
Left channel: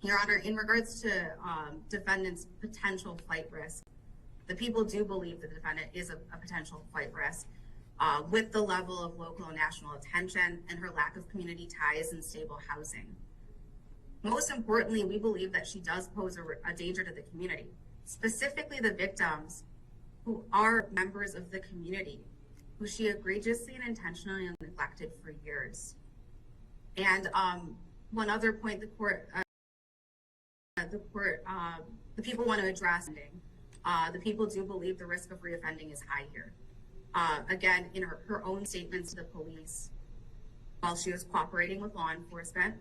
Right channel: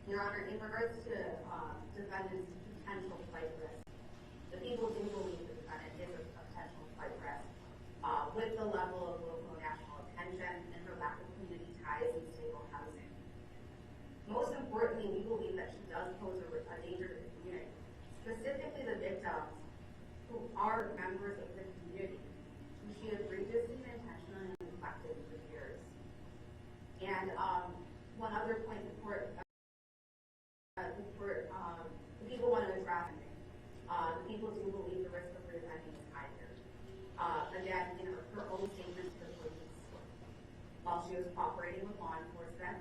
Your Honor, in regards to defendant's potential flight risk, the people do believe the defendant is a potential flight risk with the level of local and national attention and her lack of community ties and stable housing. Most importantly, we believe that she does pose a danger to the community, specifically the victims who are members of the community, who she egregiously and intentionally neglected for years. And one other point the people want to address, the people do believe the risk of reoffending is high here. Again, in her own statements to the police, while she was cooperating with law enforcement,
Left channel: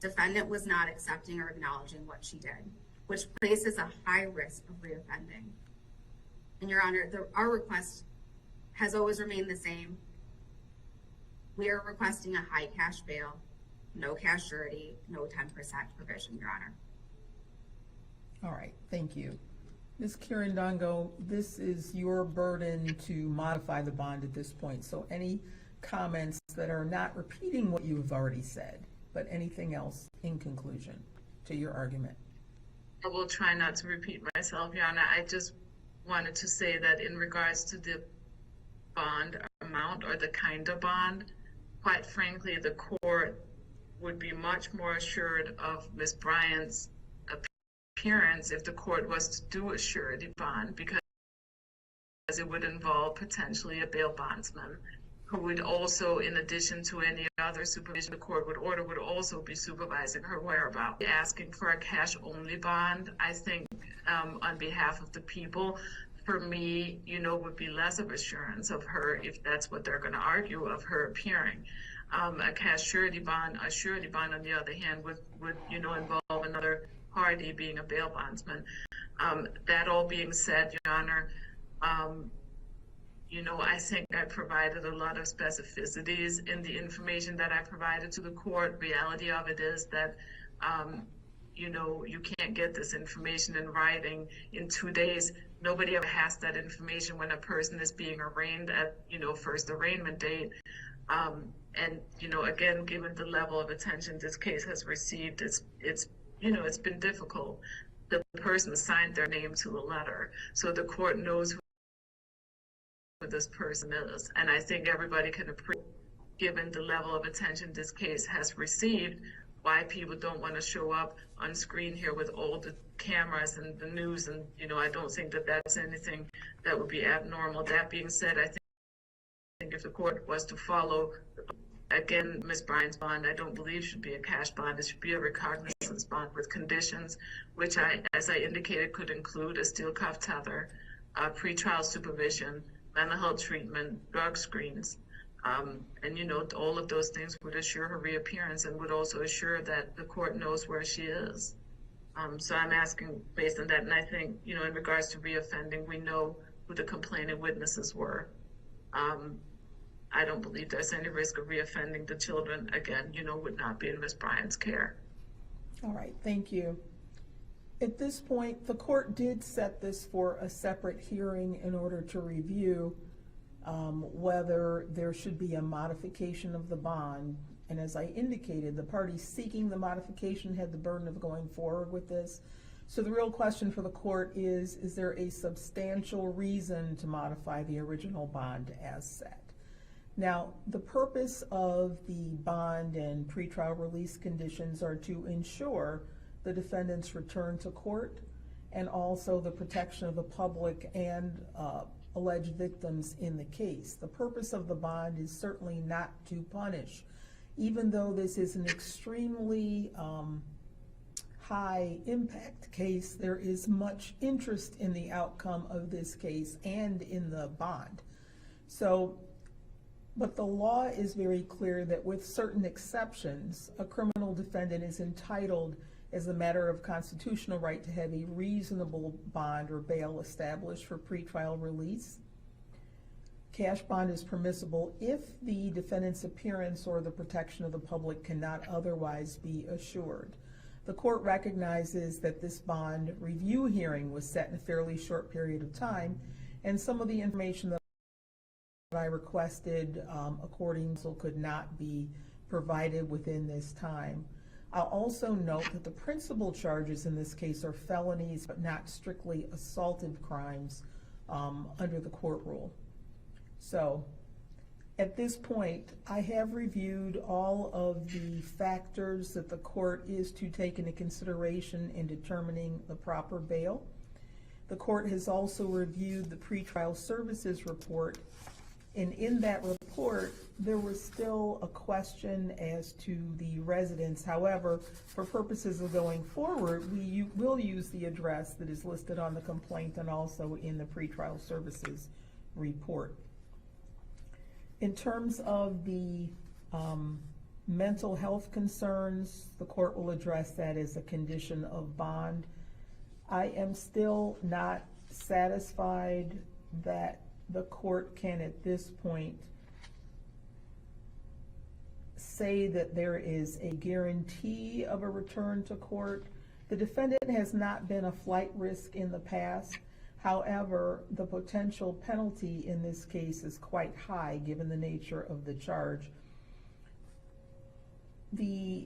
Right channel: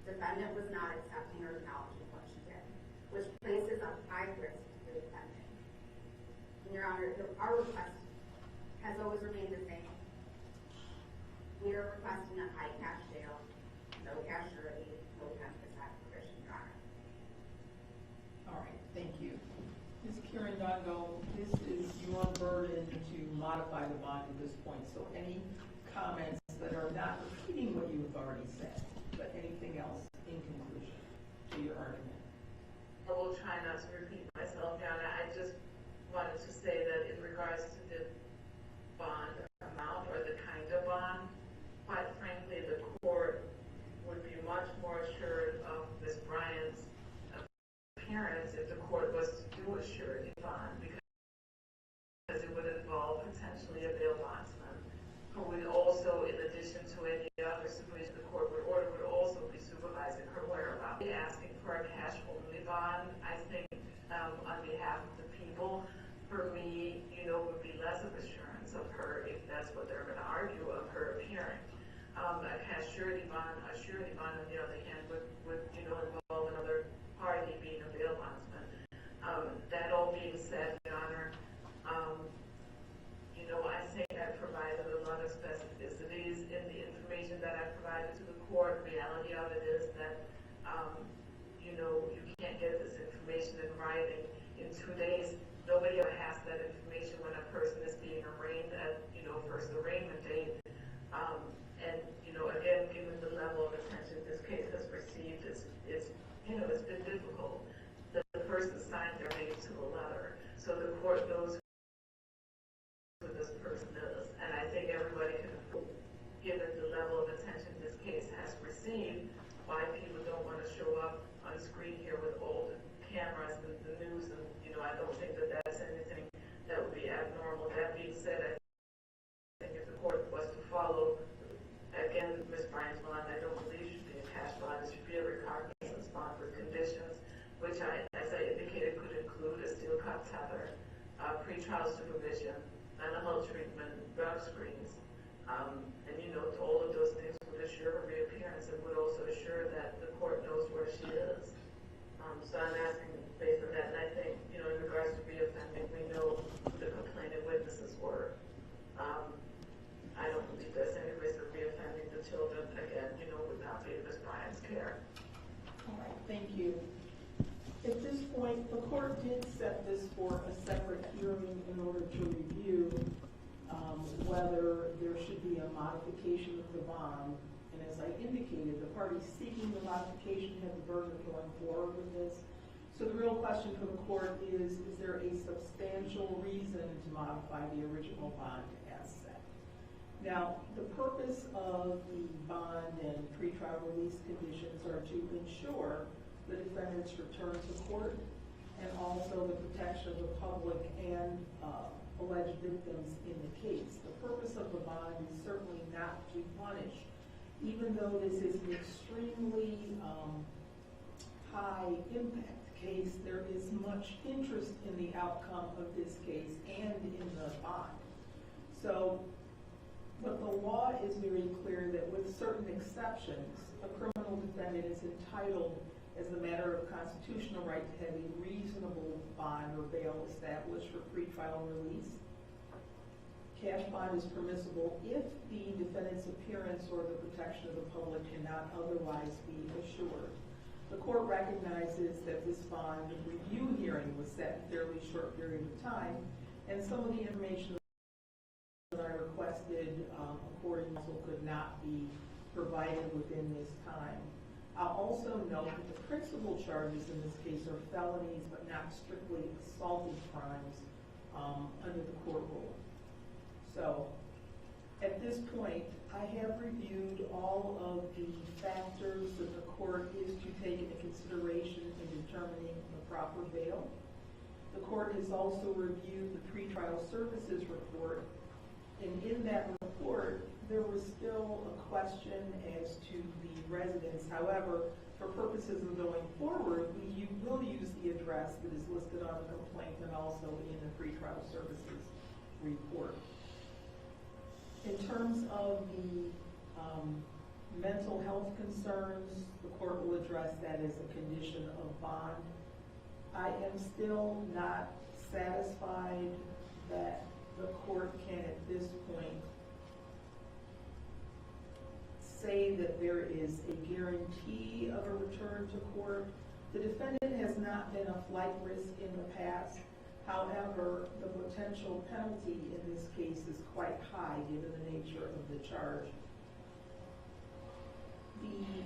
defendant was not accepting or acknowledging what she did, which places a high risk of reoffending. And Your Honor, our request has always remained the same. We are requesting a high cash bail, no cash surety, no 10% provision, Your Honor. All right, thank you. Ms. Kirindongo, this is your burden to modify the bond at this point, so any comments that are not repeating what you've already said, but anything else in conclusion to your argument? I will try not to repeat myself, Your Honor. I just wanted to say that in regards to the bond amount or the kind of bond, quite frankly, the court would be much more assured of Ms. Bryant's appearance if the court was to do a surety bond, because it would involve potentially a bail bondsman who would also, in addition to any other supervision the court would order, would also be supervising her whereabouts. Asking for a cash-only bond, I think, on behalf of the people, for me, would be less of assurance of her, if that's what they're going to argue, of her appearing. A cash surety bond, on the other hand, would involve another party being a bail bondsman. That all being said, Your Honor, I think I provided a lot of specificities in the information that I provided to the court. Reality of it is that, you can't get this information in writing in 2 days. Nobody ever has that information when a person is being arraigned at, first arraignment date. And, again, given the level of attention this case has received, it's been difficult. The person signed their name to a letter, so the court knows who this person is. And I think everybody can appreciate, given the level of attention this case has received, why people don't want to show up on screen here with all the cameras and the news. And, I don't think that that's anything that would be abnormal. That being said, I think if the court was to follow, again, Ms. Bryant's bond, I don't believe should be a cash bond. It should be a recognizance bond with conditions, which as I indicated, could include a steel cuff tether, pretrial supervision, mental health treatment, drug screens, and all of those things would assure her reappearance and would also assure that the court knows where she is. So I'm asking based on that, and I think, in regards to reoffending, we know who the complaining witnesses were. I don't believe there's any risk of reoffending. The children, again, would not be in Ms. Bryant's care. All right, thank you. At this point, the court did set this for a separate hearing in order to review whether there should be a modification of the bond. And as I indicated, the party seeking the modification had the burden of going forward with this. So the real question for the court is there a substantial reason to modify the original bond as set? Now, the purpose of the bond and pretrial release conditions are to ensure the defendant's return to court and also the protection of the public and alleged victims in the case. The purpose of the bond is certainly not to punish. Even though this is an extremely high impact case, there is much interest in the outcome of this case and in the bond. So, but the law is very clear that with certain exceptions, a criminal defendant is entitled as a matter of constitutional right to have a reasonable bond or bail established for pretrial release. Cash bond is permissible if the defendant's appearance or the protection of the public cannot otherwise be assured. The court recognizes that this bond review hearing was set in a fairly short period of time, and some of the information that I requested according to could not be provided within this time. I'll also note that the principal charges in this case are felonies but not strictly assaulted crimes under the court rule. So at this point, I have reviewed all of the factors that the court is to take into consideration in determining the proper bail. The court has also reviewed the pretrial services report, and in that report, there was still a question as to the residence. However, for purposes of going forward, we will use the address that is listed on the complaint and also in the pretrial services report. In terms of the mental health concerns, the court will address that as a condition of bond. I am still not satisfied that the court can at this point say that there is a guarantee of a return to court. The defendant has not been a flight risk in the past. However, the potential penalty in this case is quite high given the nature of the charge. The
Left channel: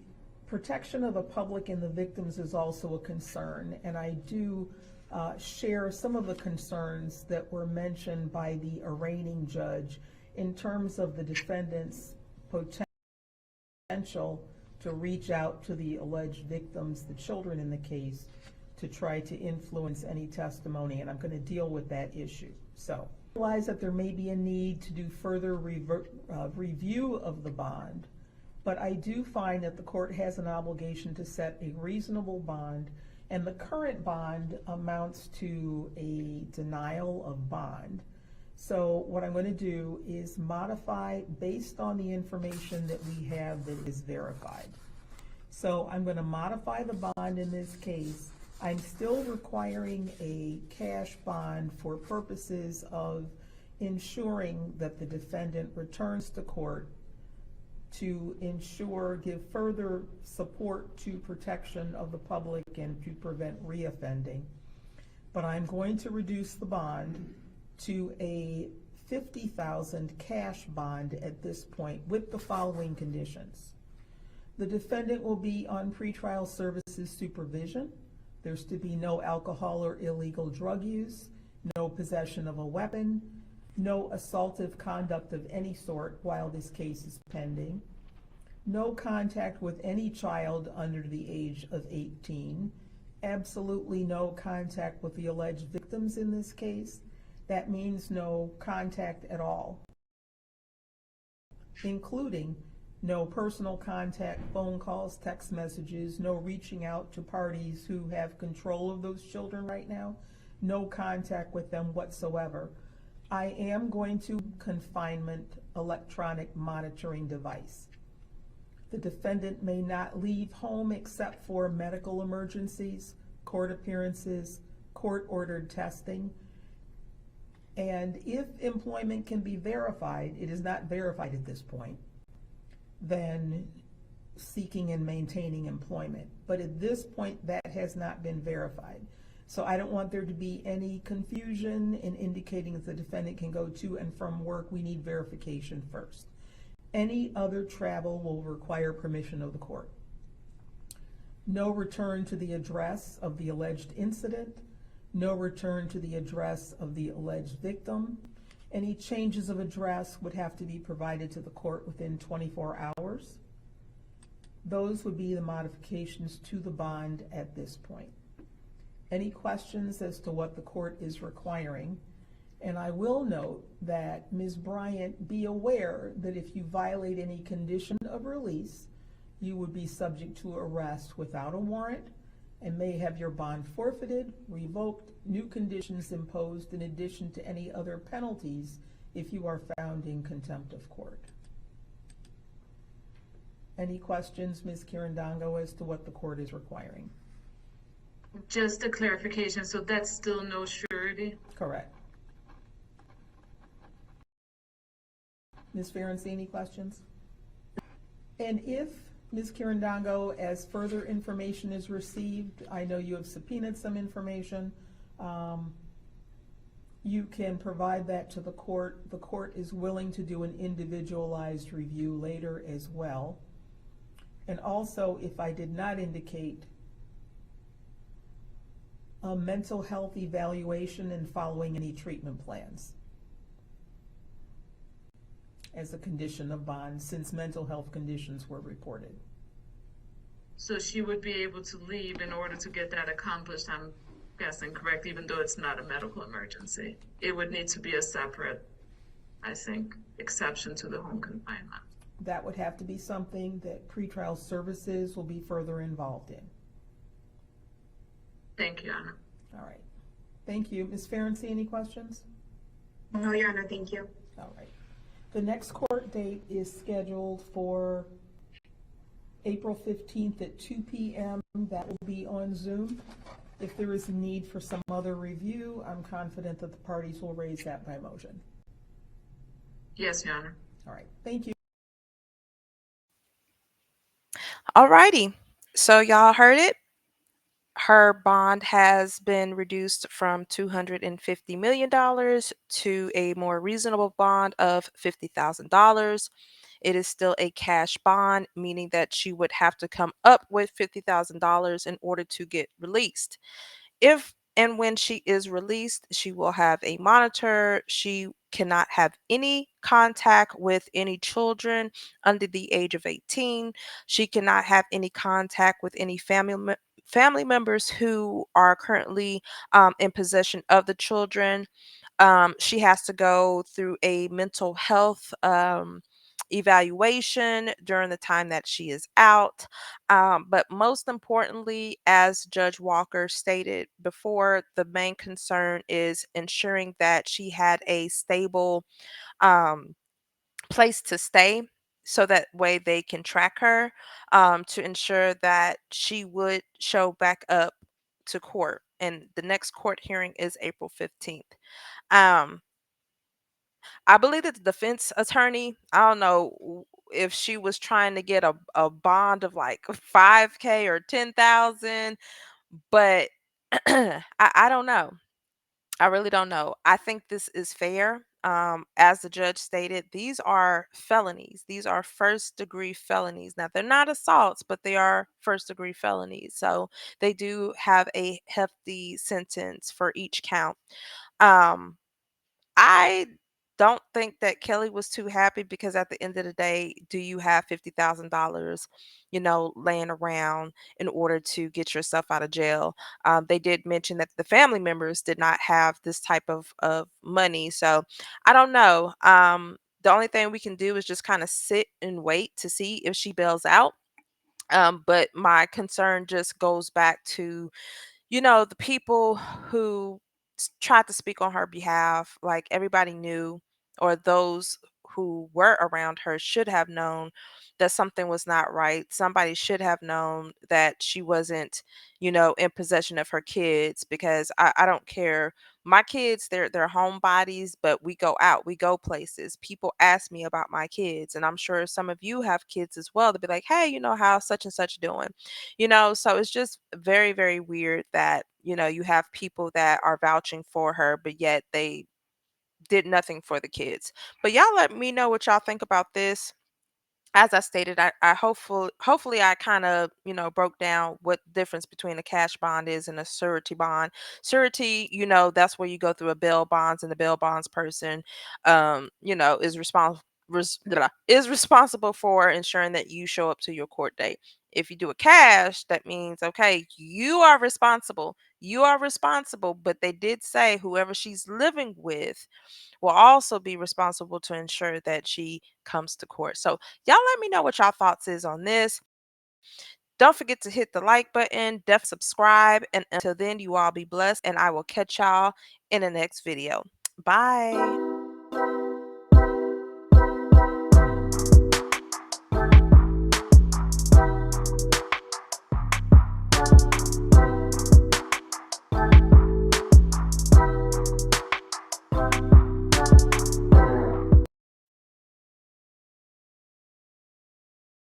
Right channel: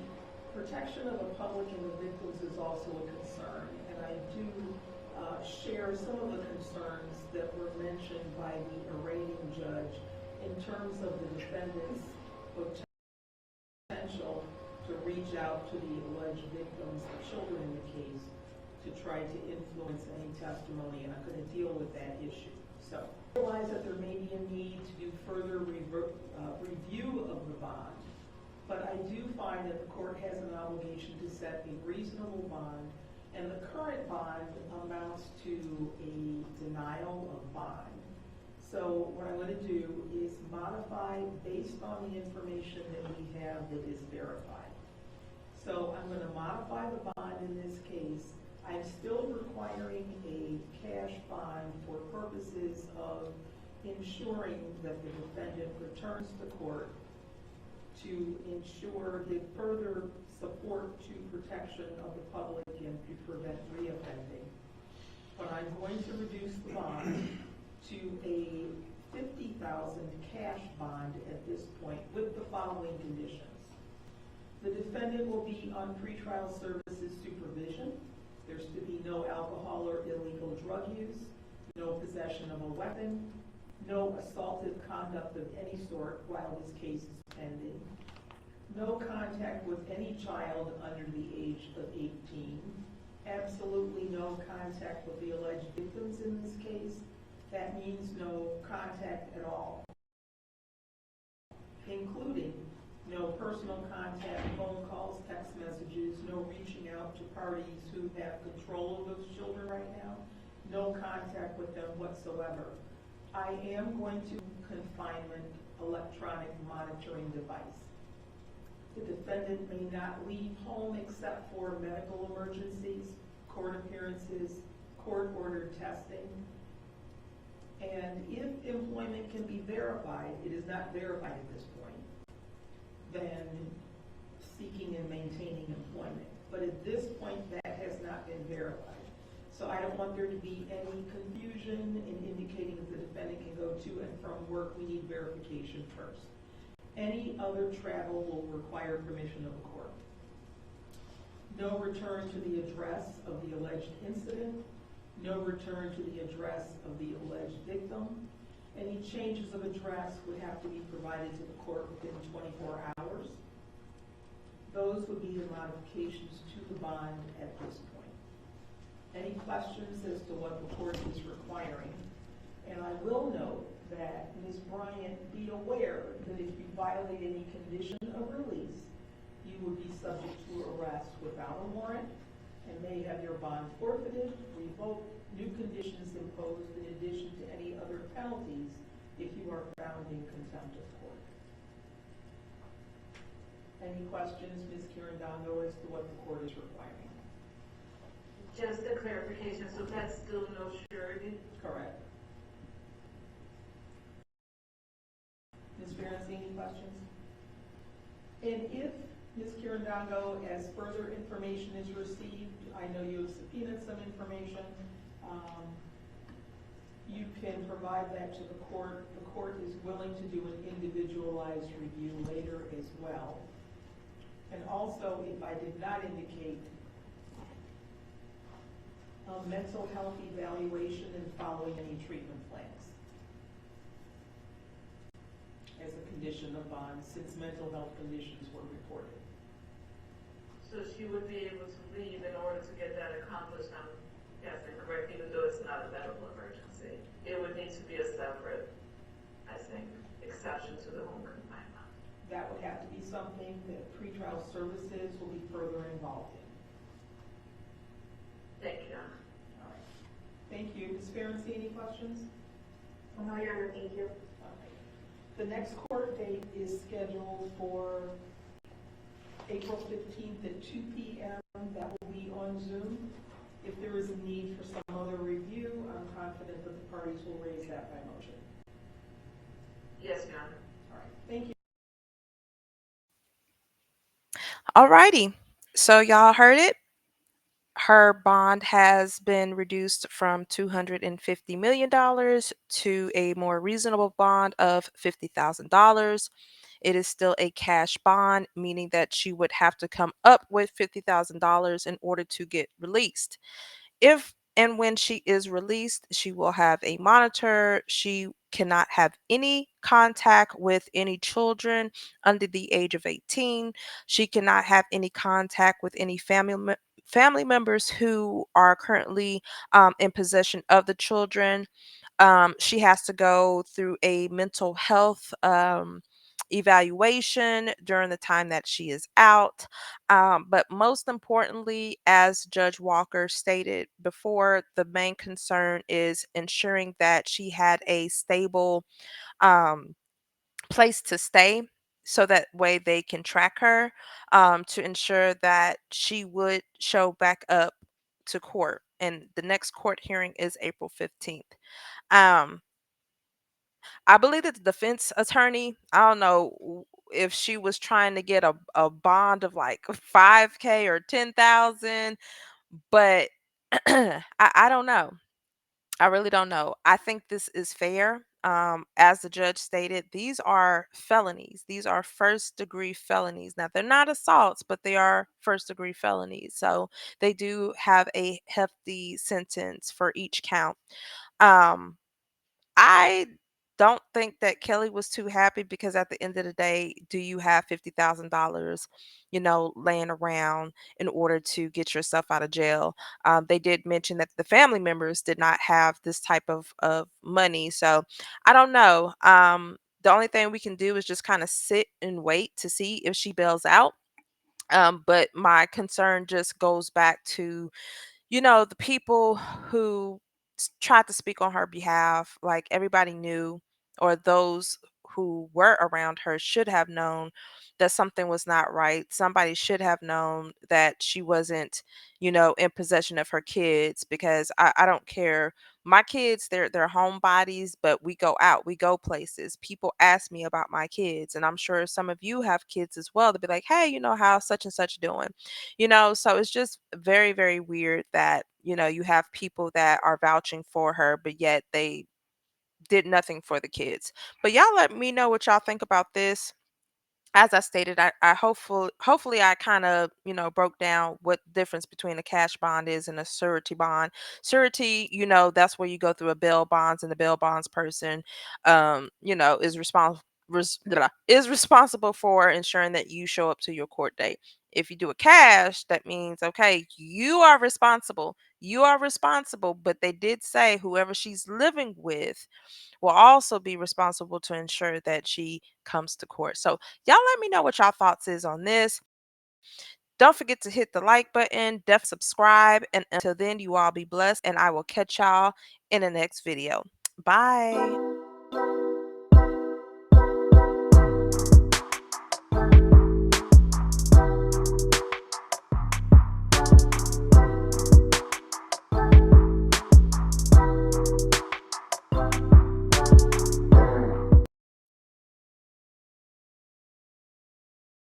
protection of the public and the victims is also a concern, and I do share some of the concerns that were mentioned by the arraigning judge in terms of the defendant's potential to reach out to the alleged victims, the children in the case, to try to influence any testimony, and I'm going to deal with that issue. So I realize that there may be a need to do further review of the bond, but I do find that the court has an obligation to set a reasonable bond, and the current bond amounts to a denial of bond. So what I'm going to do is modify based on the information that we have that is verified. So I'm going to modify the bond in this case. I'm still requiring a cash bond for purposes of ensuring that the defendant returns to court to give further support to protection of the public and to prevent reoffending. But I'm going to reduce the bond to a $50,000 cash bond at this point with the following conditions. The defendant will be on pretrial services supervision. There's to be no alcohol or illegal drug use, no possession of a weapon, no assaultive conduct of any sort while this case is pending, no contact with any child under the age of 18, absolutely no contact with the alleged victims in this case. That means no contact at all, including no personal contact, phone calls, text messages, no reaching out to parties who have control of those children right now, no contact with them whatsoever. I am going to confinement electronic monitoring device. The defendant may not leave home except for medical emergencies, court appearances, court-ordered testing. And if employment can be verified, it is not verified at this point, then seeking and maintaining employment. But at this point, that has not been verified. So I don't want there to be any confusion in indicating that the defendant can go to and from work. We need verification first. Any other travel will require permission of the court. No return to the address of the alleged incident. No return to the address of the alleged victim. Any changes of address would have to be provided to the court within 24 hours. Those would be the modifications to the bond at this point. Any questions as to what the court is requiring? And I will note that Ms. Bryant, be aware that if you violate any condition of release, you would be subject to arrest without a warrant and may have your bond forfeited, revoked, new conditions imposed in addition to any other penalties if you are found in contempt of court. Any questions, Ms. Kirandongo, as to what the court is requiring? Just a clarification, so that's still no surety? Correct. Ms. Ferenczi, any questions? And if, Ms. Kirandongo, as further information is received, I know you have subpoenaed some information, you can provide that to the court. The court is willing to do an individualized review later as well. And also, if I did not indicate, a mental health evaluation and following any treatment plans as a condition of bond, since mental health conditions were reported. So she would be able to leave in order to get that accomplished, I'm guessing, correct, even though it's not a medical emergency? It would need to be a separate, I think, exception to the home confinement. That would have to be something that pretrial services will be further involved in. Thank you, Anna. All right. Thank you. Ms. Ferenczi, any questions? No, Your Honor, thank you. All right. The next court date is scheduled for April 15th at 2 p.m. That will be on Zoom. If there is a need for some other review, I'm confident that the parties will raise that by motion. Yes, Your Honor. All right. Thank you. Alrighty. So y'all heard it. Her bond has been reduced from $250 million to a more reasonable bond of $50,000. It is still a cash bond, meaning that she would have to come up with $50,000 in order to get released. If and when she is released, she will have a monitor. She cannot have any contact with any children under the age of 18. She cannot have any contact with any family members who are currently in possession of the children. She has to go through a mental health evaluation during the time that she is out. But most importantly, as Judge Walker stated before, the main concern is ensuring that she had a stable um, place to stay. So that way they can track her to ensure that she would show back up to court. And the next court hearing is April 15th. Um, I believe that the defense attorney, I don't know if she was trying to get a bond of like 5K or 10,000, but I don't know. I really don't know. I think this is fair. As the judge stated, these are felonies. These are first degree felonies. Now, they're not assaults, but they are first degree felonies. So they do have a hefty sentence for each count. Um, I don't think that Kelly was too happy because at the end of the day, do you have $50,000, laying around in order to get yourself out of jail? They did mention that the family members did not have this type of money. So I don't know. The only thing we can do is just kind of sit and wait to see if she bails out. But my concern just goes back to the people who tried to speak on her behalf, like everybody knew, or those who were around her should have known that something was not right. Somebody should have known that she wasn't, in possession of her kids, because I don't care. My kids, they're homebodies, but we go out, we go places. People ask me about my kids, and I'm sure some of you have kids as well. They'll be like, "Hey, how such and such doing?" So it's just very, very weird that, you have people that are vouching for her, but yet they did nothing for the kids. But y'all let me know what y'all think about this. As I stated, I hopefully I kind of, broke down what the difference between a cash bond is and a surety bond. Surety, that's where you go through a bail bonds, and the bail bonds person, is is responsible for ensuring that you show up to your court date. If you do a cash, that means, okay, you are responsible. You are responsible, but they did say whoever she's living with will also be responsible to ensure that she comes to court. So y'all let me know what y'all thoughts is on this. Don't forget to hit the like button, definitely subscribe, and until then, you all be blessed, and I will catch y'all in the next video. Bye.